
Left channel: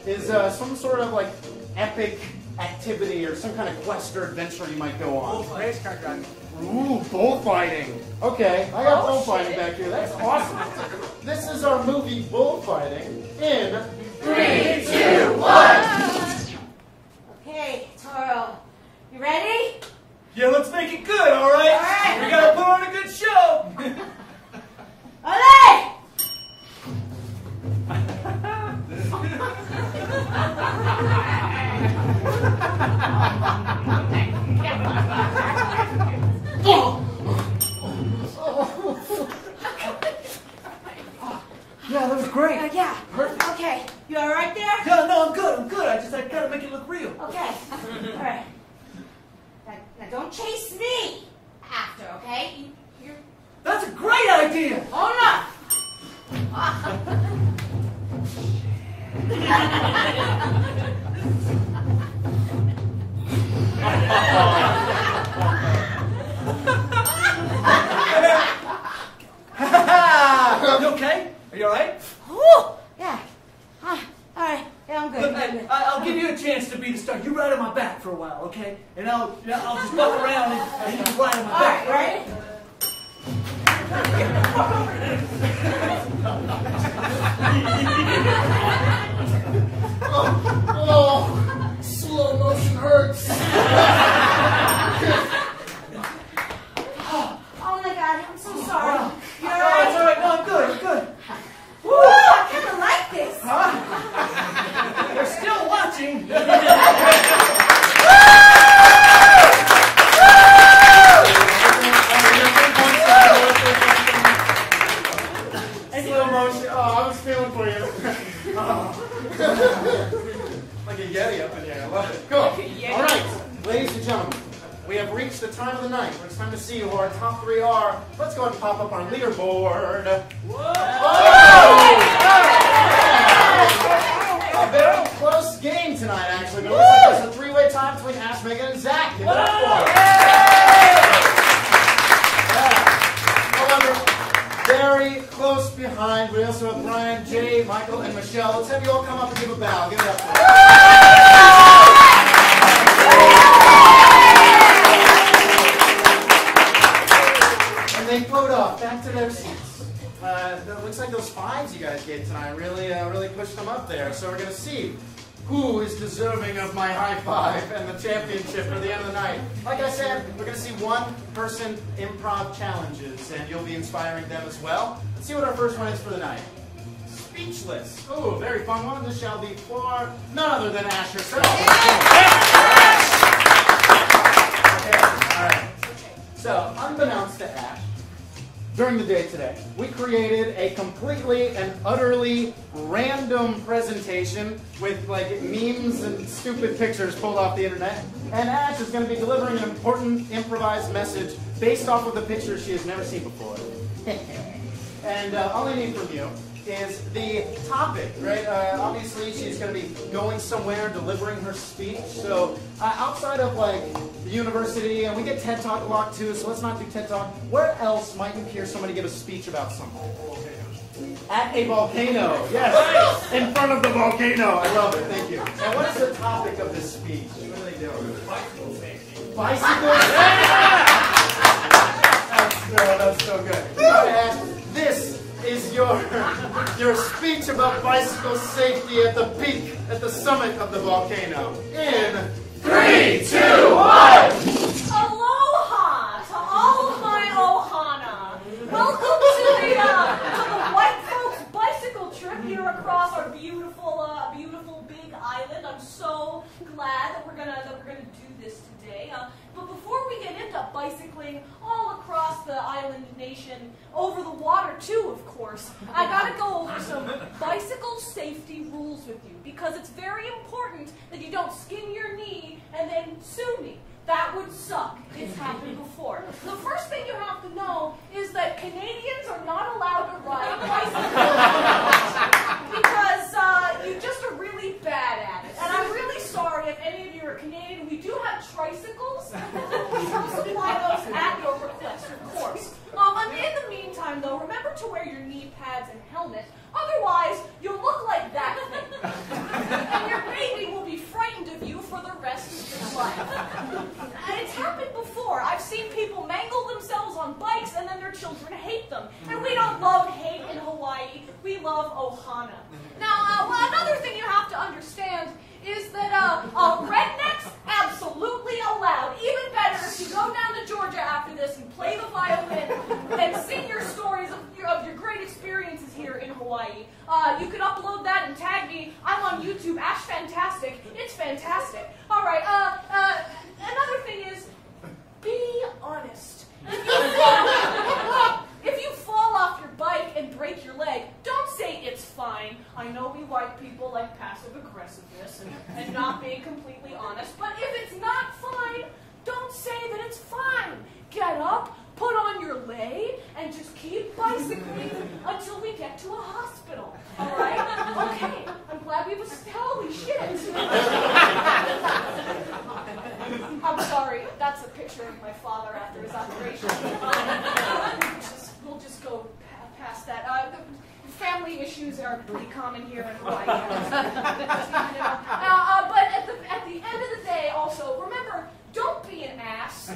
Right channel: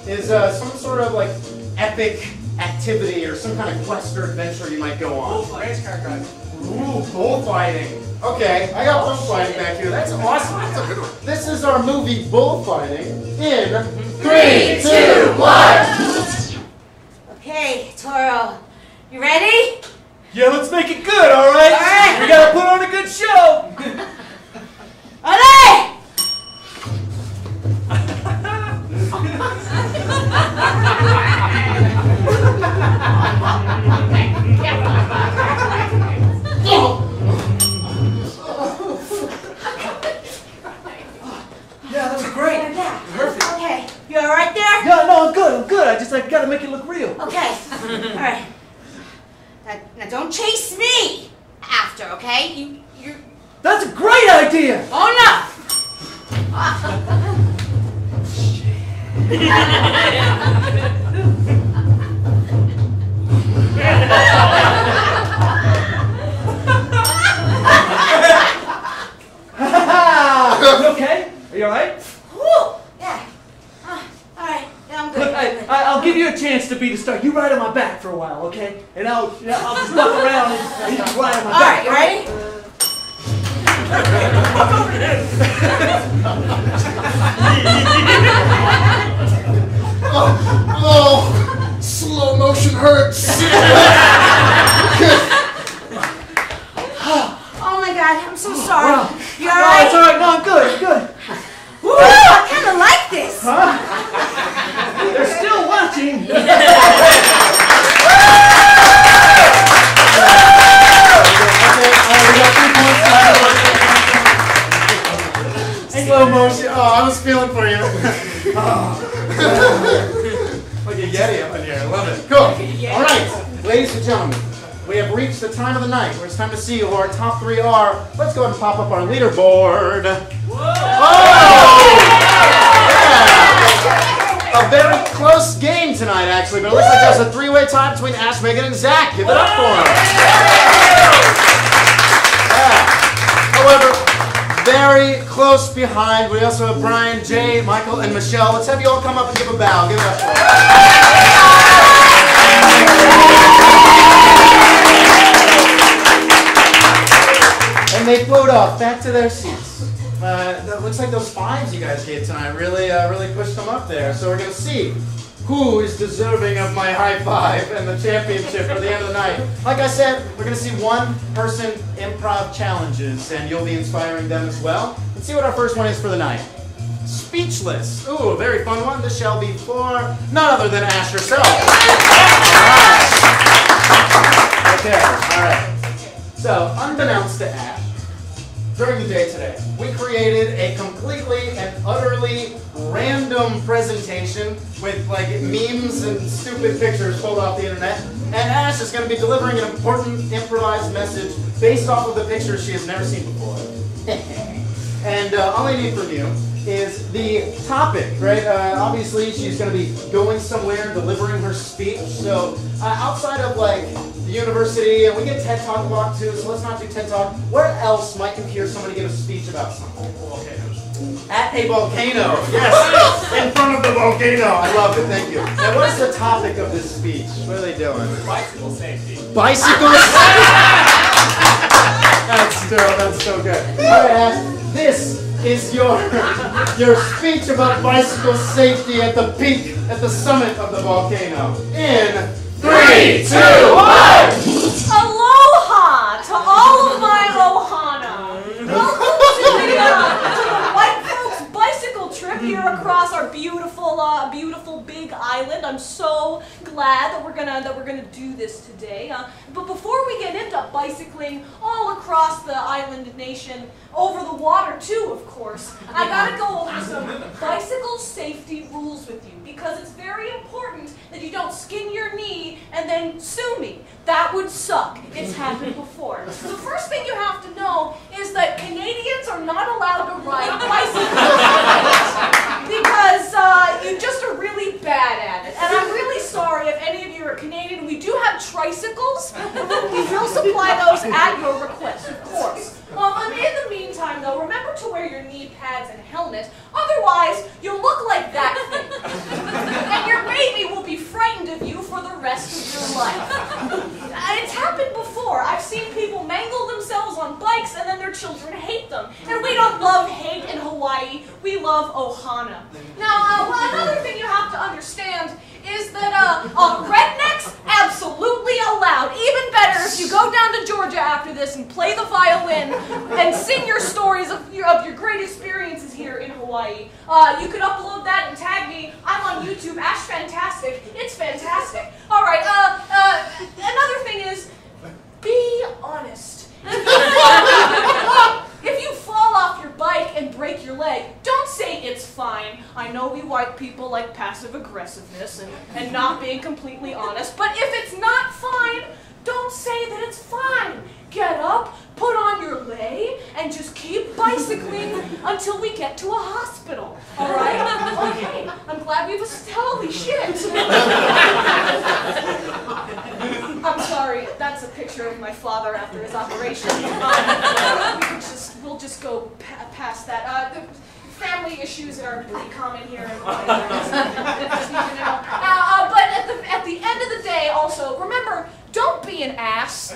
is some sort of like epic activity or some kind of quest or adventure you might go on. Ooh, bullfighting. Okay, I got bullfighting back here. That's awesome. This is our movie Bullfighting in 3, 2, 1. Okay, Toro, you ready? Yeah, let's make it good, all right? All right. We gotta put on a good show. All right. Yeah, that was great. Yeah. Perfect. Okay, you all right there? Yeah, no, I'm good. I'm good. I gotta make it look real. Okay. All right. Now don't chase me after, okay? You're. That's a great idea. Oh no! You okay? Are you alright? Whew. Yeah. All right. Yeah, I'm good. Look, I'll give you a chance to be the star. You ride on my back for a while, okay? And I'll just walk around and you just ride on my All back. right, you ready? Oh, slow motion hurts. Oh my God, I'm so sorry. Wow. You all No, right? it's alright. No, I'm good. I'm good. Woo, I kind of like this. They're still watching. Slow motion. Oh, I was feeling for you. Like a Yeti up in here. I love it. Cool. All right, ladies and gentlemen, we have reached the time of the night where it's time to see who our top 3 are. Let's go ahead and pop up our leaderboard. Oh! Yeah. A very close game tonight, actually, but it looks like there's a 3-way tie between Ash, Megan, and Zach. Give it up for them. Yeah. However, very close behind, we also have Brian, Jay, Michael, and Michelle. Let's have you all come up and give a bow. Give it up for them. And they float off back to their seats. It looks like those 5s you guys gave tonight really pushed them up there. So we're going to see who is deserving of my high five and the championship at the end of the night. Like I said, we're going to see 1-person improv challenges, and you'll be inspiring them as well. Let's see what our first one is for the night. Speechless. Ooh, a very fun one. This shall be for none other than Ash herself. Okay, all right. So, unbeknownst to Ash, during the day today, we created a completely and utterly random presentation with like memes and stupid pictures pulled off the internet. And Ash is going to be delivering an important improvised message based off of the pictures she has never seen before. And all I need from you is the topic, right? Obviously, she's going to be going somewhere and delivering her speech. So outside of like the university, and we get TED Talk block too, so let's not do TED Talk. Where else might you hear somebody give a speech about something? At a volcano, yes, in front of the volcano. I love it, thank you. Now, what is the topic of this speech? What are they doing? Bicycle safety. Bicycle safety! That's so good. All right, Ash, this is your speech about bicycle safety at the peak, at the summit of the volcano. In 3, 2, 1! Aloha to all of my Ohana. Welcome to the White Folks bicycle trip here across our beautiful big island. I'm so glad that we're gonna do this today. But before we get into bicycling all across the island nation, over the water too, of course, I gotta go over some bicycle safety rules with you because it's very important that you don't skin your knee and then sue me. That would suck. It's happened before. The first thing you have to know is that Canadians are not allowed to ride bicycles because you just are really bad at it. And I'm really sorry if any of you are Canadian. We do have tricycles. We will supply those at your request, of course. And in the meantime, though, remember to wear your knee pads and helmet. Otherwise, you'll look like that thing. And your baby will be frightened of you for the rest of your life. It's happened before. I've seen people mangle themselves on bikes and then their children hate them. And we don't love hate in Hawaii. We love Ohana. Now, another thing you have to understand is that rednecks, absolutely allowed. Even better if you go down to Georgia after this and play the violin and sing your stories of your great experiences here in Hawaii. You could upload that and tag me. I'm on YouTube, Ash Fantastic. It's fantastic. All right, another thing is, be honest. If you fall off your bike and break your leg, don't say it's fine. I know we white people like passive aggressiveness and not being completely honest, but if it's not fine, don't say that it's fine. Get up, put on your lei, and just keep bicycling until we get to a hospital. All right? Okay, I'm glad we've holy shit. I'm sorry, that's a picture of my father after his operation. We'll just go past that. The family issues are pretty common here in Hawaii. Now, but at the end of the day, also, remember, don't be an ass.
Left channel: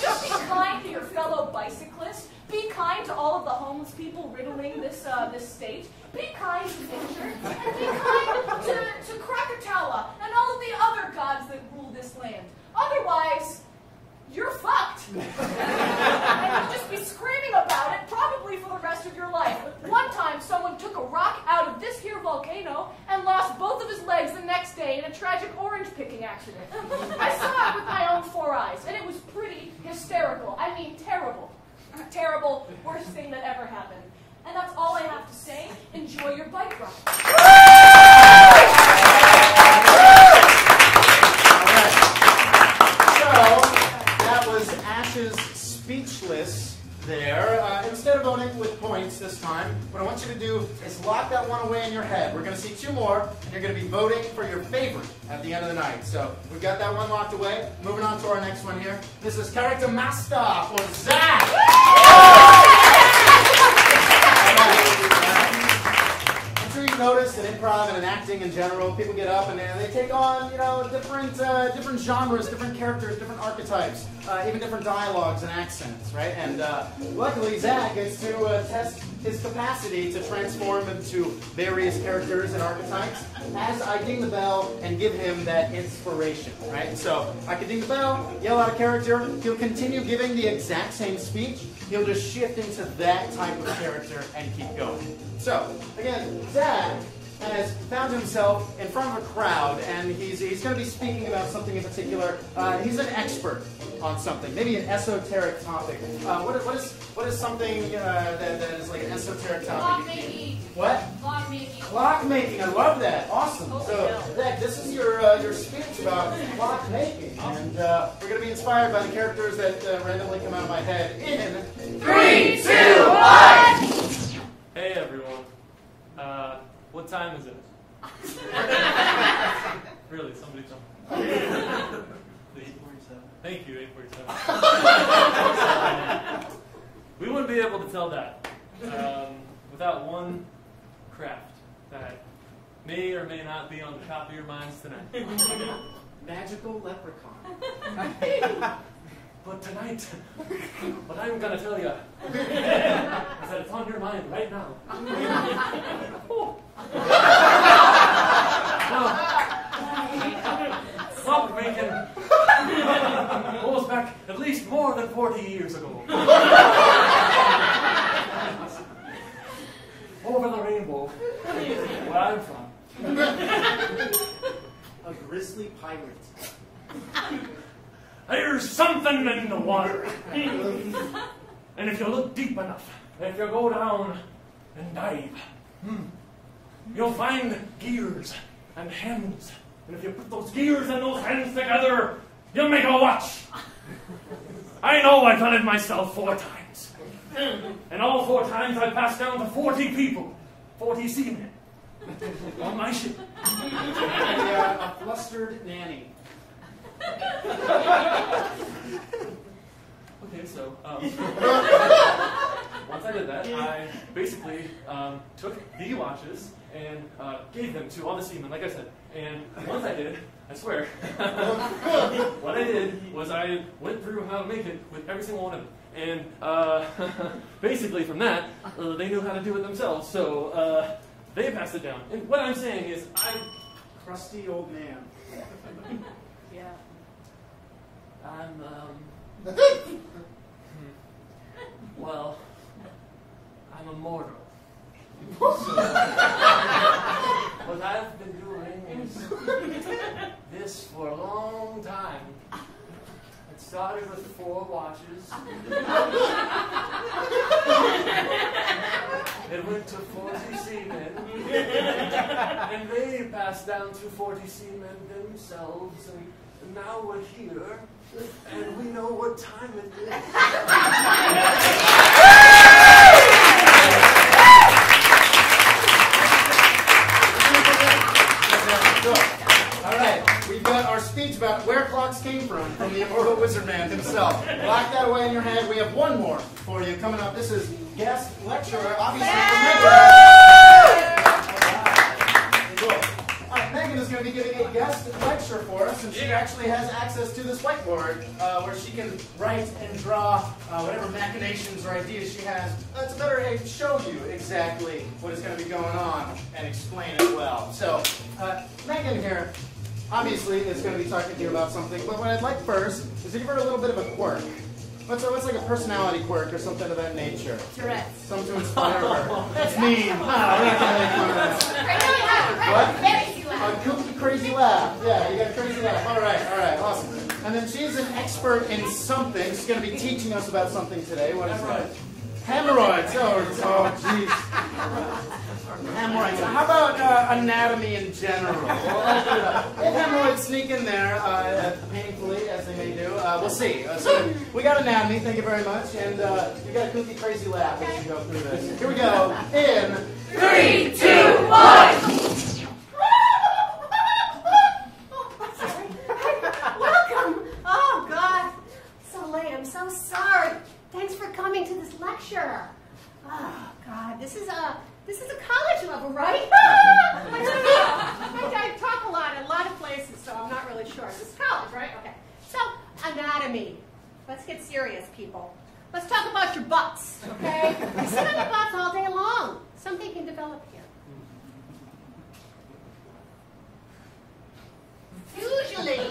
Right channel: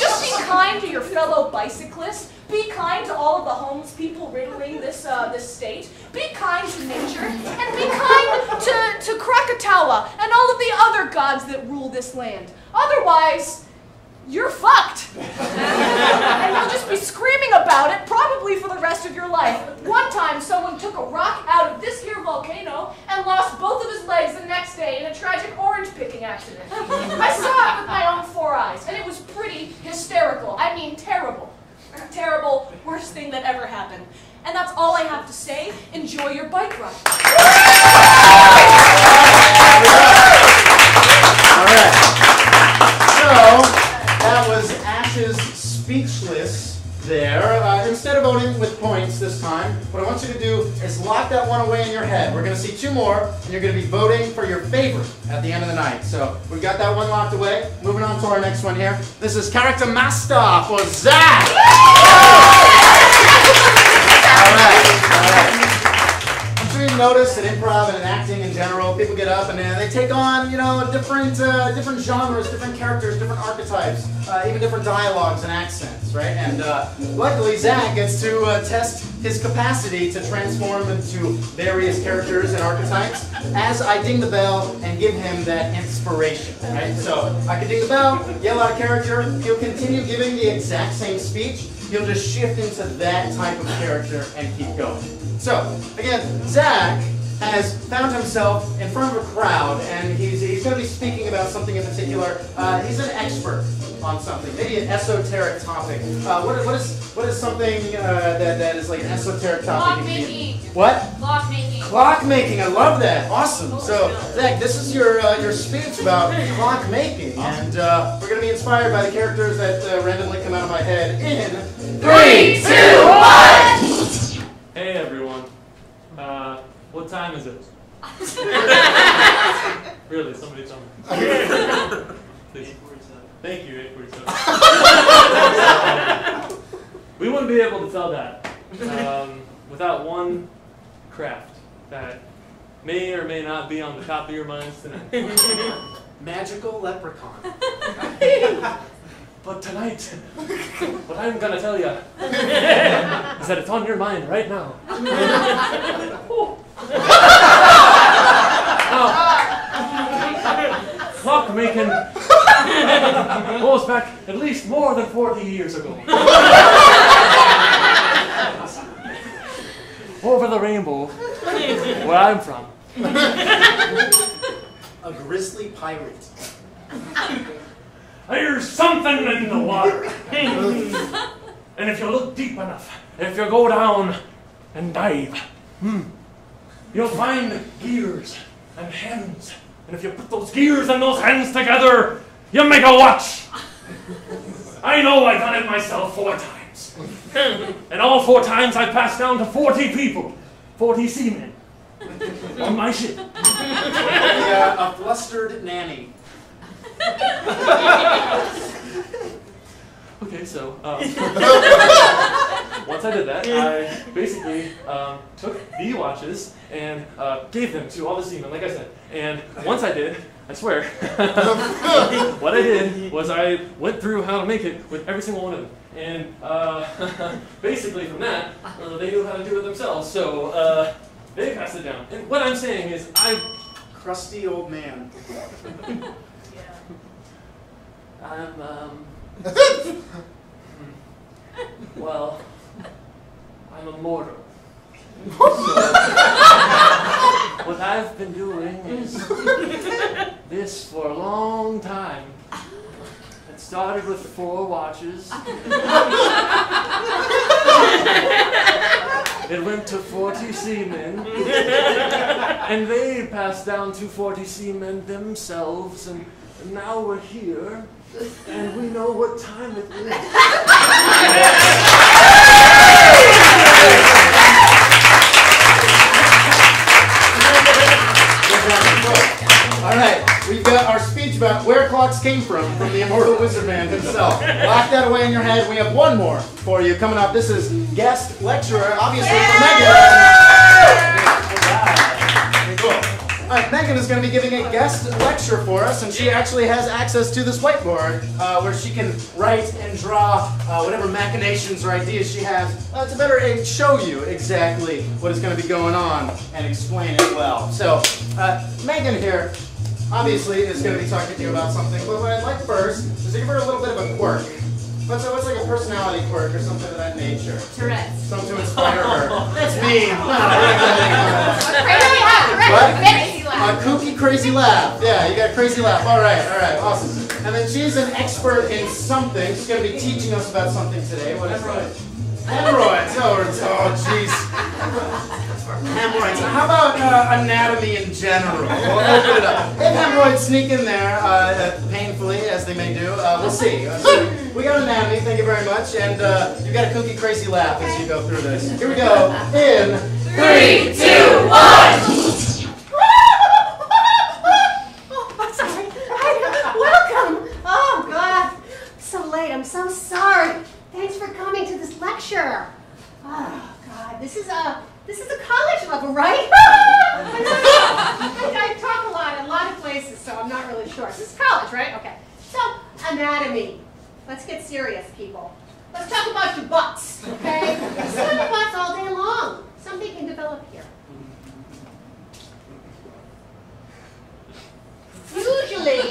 Just be kind to your fellow bicyclists. Be kind to all of the homeless people riddling this state. Be kind to nature, and be kind to Krakatawa and all of the other gods that rule this land. Otherwise, you're fucked. And you'll just be screaming about it, probably for the rest of your life. One time, someone took a rock out of this here volcano and lost both of his legs the next day in a tragic orange picking accident. I saw it with my own 4 eyes, and it was pretty hysterical. I mean, terrible. Terrible, worst thing that ever happened. And that's all I have to say. Enjoy your bike ride. All right. So, that was Ash's speechless there. Instead of voting with points this time, what I want you to do is lock that one away in your head. We're going to see 2 more, and you're going to be voting for your favorite at the end of the night. So we've got that one locked away. Moving on to our next one here. This is Character Master for Zach. All right. I'm sure you've noticed that improv and in acting in general, people get up and they take on, different genres, different characters, different archetypes, even different dialogues and accents, right? And luckily, Zach gets to test his capacity to transform into various characters and archetypes as I ding the bell and give him that inspiration, right? So I can ding the bell, yell out a character, he'll continue giving the exact same speech, he'll just shift into that type of character and keep going. So, again, Zach has found himself in front of a crowd, and he's going to be speaking about something in particular. He's an expert on something, maybe an esoteric topic. What is something that is like an esoteric topic? Clock making. What? Clock making. Clock making. I love that. Awesome. So, Zach, this is your speech about clock making, and we're going to be inspired by the characters that randomly come out of my head in 3, 2, 1. Hey everyone, What time is it? Really, somebody tell me. Please. 8:47. Thank you, 8:47. We wouldn't be able to tell that without one craft that may or may not be on the top of your minds tonight. Magical leprechaun. But tonight, what I'm gonna tell you is that it's on your mind right now. Now, clockmaking goes back at least more than 40 years ago. Over the rainbow, where I'm from. A grizzly pirate. There's something in the water. And if you look deep enough, if you go down and dive, you'll find gears and hands. And if you put those gears and those hands together, you make a watch. I know I've done it myself 4 times. And all 4 times I've passed down to 40 people, 40 seamen on my ship. A flustered nanny. Okay, so once I did that, I basically took the watches and gave them to all the seamen, like I said. And once I did, I swear, what I did was I went through how to make it with every single one of them. And basically from that, they knew how to do it themselves. So they passed it down. And what I'm saying is Crusty old man. Well, I'm immortal. So, what I've been doing is this for a long time. It started with 4 watches. It went to 40 seamen. And they passed down to 40 seamen themselves. And now we're here. And we know what time it is. All right, we've got our speech about where clocks came from the immortal wizard man himself. Lock that away in your head. We have one more for you coming up. This is guest lecturer, obviously, Megan. All right, Megan is going to be giving a guest lecture for us, and she actually has access to this whiteboard where she can write and draw whatever machinations or ideas she has to better show you exactly what is going to be going on and explain it well. So, Megan here obviously is going to be talking to you about something, but what I'd like first is to give her a little bit of a quirk. What's like a personality quirk or something of that nature? Tourette's. Something to inspire her. That's mean. What? A kooky, crazy laugh. Yeah, you got a crazy laugh. All right, awesome. And then she's an expert in something. She's going to be teaching us about something today. What is it? Hemorrhoids. Oh, jeez. Hemorrhoids. How about anatomy in general? We'll open it up. If hemorrhoids sneak in there painfully, as they may do, we'll see. So we got anatomy. Thank you very much. And you got a kooky, crazy laugh as you go through this. Here we go. In 3, 2, 1. I'm so sorry. Thanks for coming to this lecture. Oh God, this is a college level, right? I talk a lot of places, so I'm not really sure. This is college, right? Okay. So anatomy. Let's get serious, people. Let's talk about your butts, okay? You sit on your butts all day long. Something can develop here. Usually in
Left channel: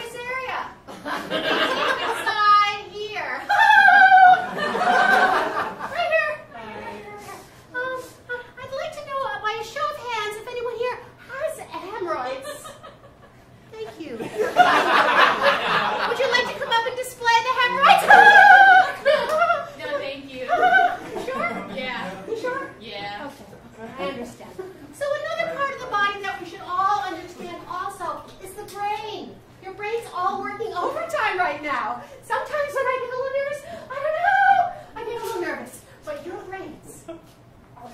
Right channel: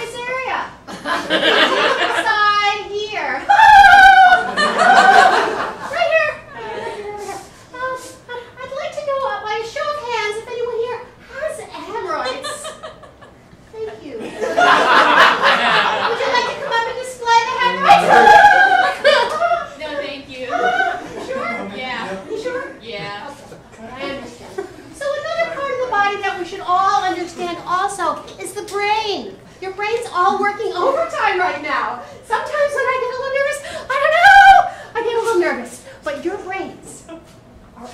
this area. Side here. Right here. I'd like to know by a show of hands if anyone here has hemorrhoids. Thank you. Would you like to come up and display the hemorrhoids? No, thank you. Sure? Yeah. You sure? Yeah. Okay, I understand. So another part of the body that we should all understand also is the brain. Your brain's all working overtime right now. Sometimes when I get a little nervous, I don't know, I get a little nervous. But your brains are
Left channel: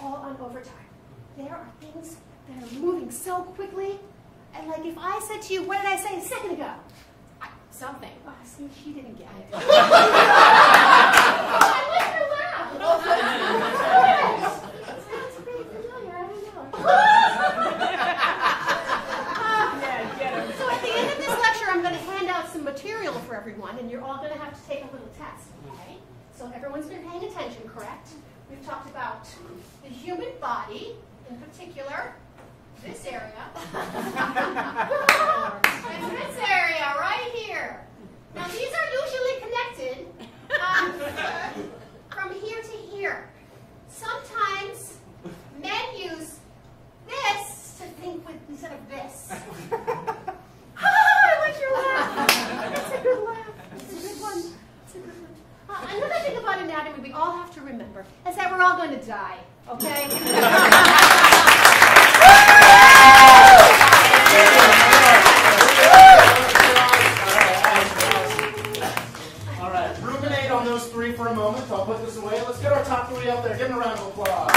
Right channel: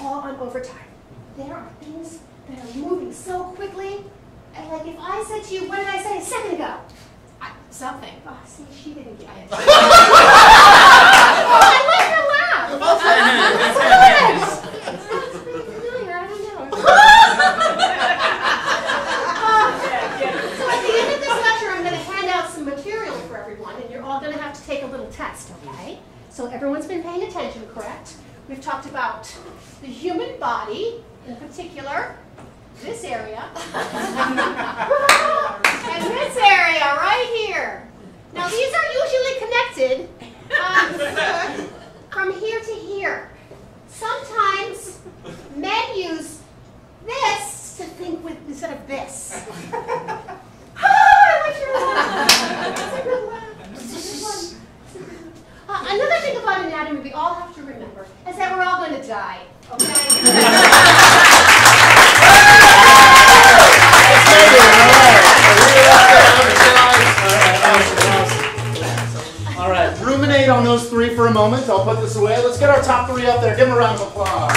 all on overtime. there are things that are moving so quickly. And like if I said to you, what did I say a second ago? Something. Oh, see, she didn't get it. Oh, I like her laugh. That's pretty familiar. I don't know. So at the end of this lecture, I'm going to hand out some material for everyone, and you're all going to have to take a little test, okay? So everyone's been paying attention, correct? We've talked about the human body, in particular, this area, and this area right here. Now these are usually connected from here to here. Sometimes men use this to think with instead of this. I like your laugh. It's a good laugh. It's a good one. It's a good one. Another thing about anatomy we all have to remember is that we're all going to die, okay? All right, ruminate on those three for a moment. I'll put this away. Let's get our top three up there. Give them a round of applause. All right.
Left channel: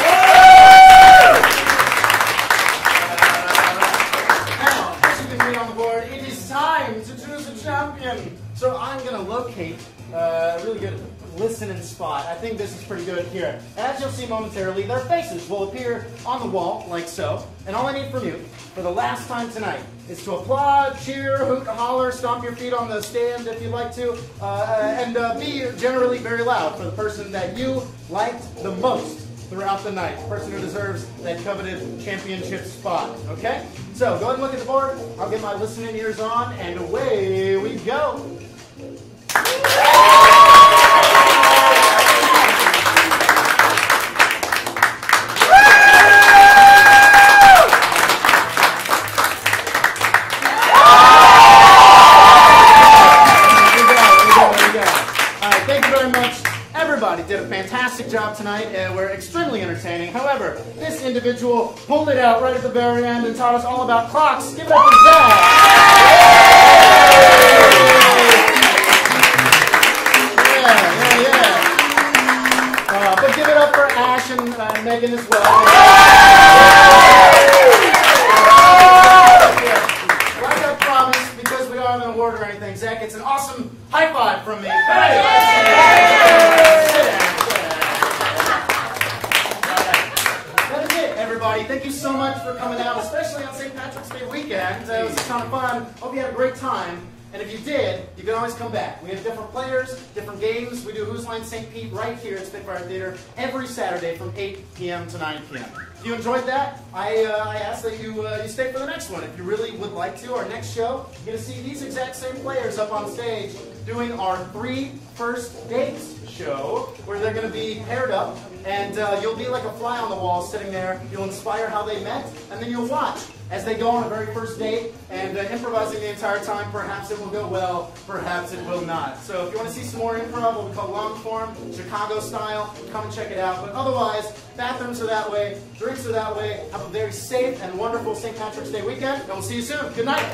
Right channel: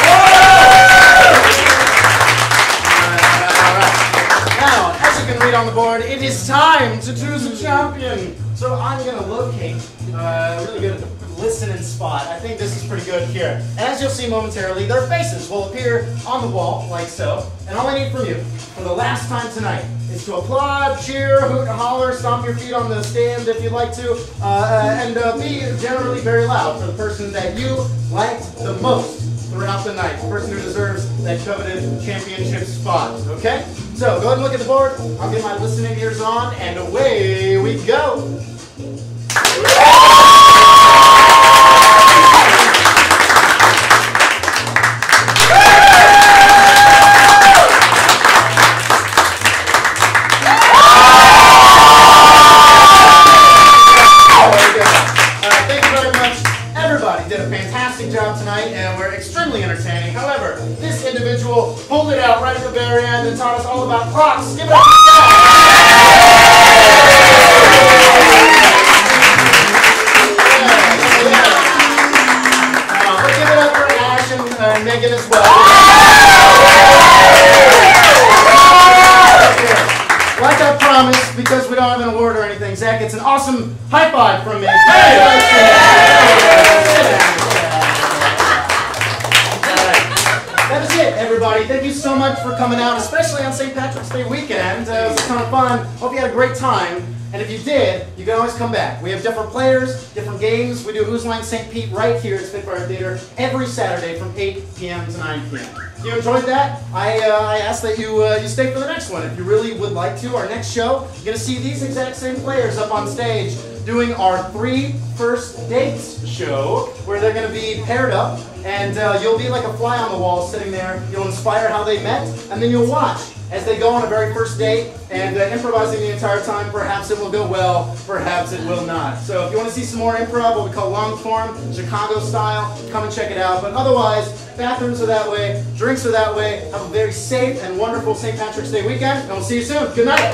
Now, as you can read on the board, it is time to choose a champion. So I'm going to locate a really good listening spot. I think this is pretty good here. And as you'll see momentarily, their faces will appear on the wall, like so. And all I need from you, for the last time tonight, is to applaud, cheer, hoot, holler, stomp your feet on the stand if you'd like to, and be generally very loud for the person that you liked the most throughout the night, the person who deserves that coveted championship spot, okay? So go ahead and look at the board. I'll get my listening ears on, and away we go. Job tonight, and we're extremely entertaining. However, this individual pulled it out right at the very end and taught us all about clocks. Give it up for Zach. Give it up for Ash and Megan as well. Like I promised, because we don't have an award or anything, Zach gets an awesome high five from me. Everybody, thank you so much for coming out, especially on St. Patrick's Day weekend. It was a ton of fun. Hope you had a great time. And if you did, you can always come back. We have different players, different games. We do Who's Line St. Pete right here at Spitfire Theater every Saturday from 8 p.m. to 9 p.m. If you enjoyed that, I ask that you stay for the next one. If you really would like to, our next show, you're going to see these exact same players up on stage doing our 3 First Dates show, where they're going to be paired up, and you'll be like a fly on the wall sitting there. You'll inspire how they met, and then you'll watch as they go on a very first date and improvising the entire time. Perhaps it will go well, perhaps it will not. So if you want to see some more improv, what we call long form, Chicago style, come and check it out. But otherwise, bathrooms are that way, drinks are that way. Have a very safe and wonderful St. Patrick's Day weekend, and we'll see you soon. Good night.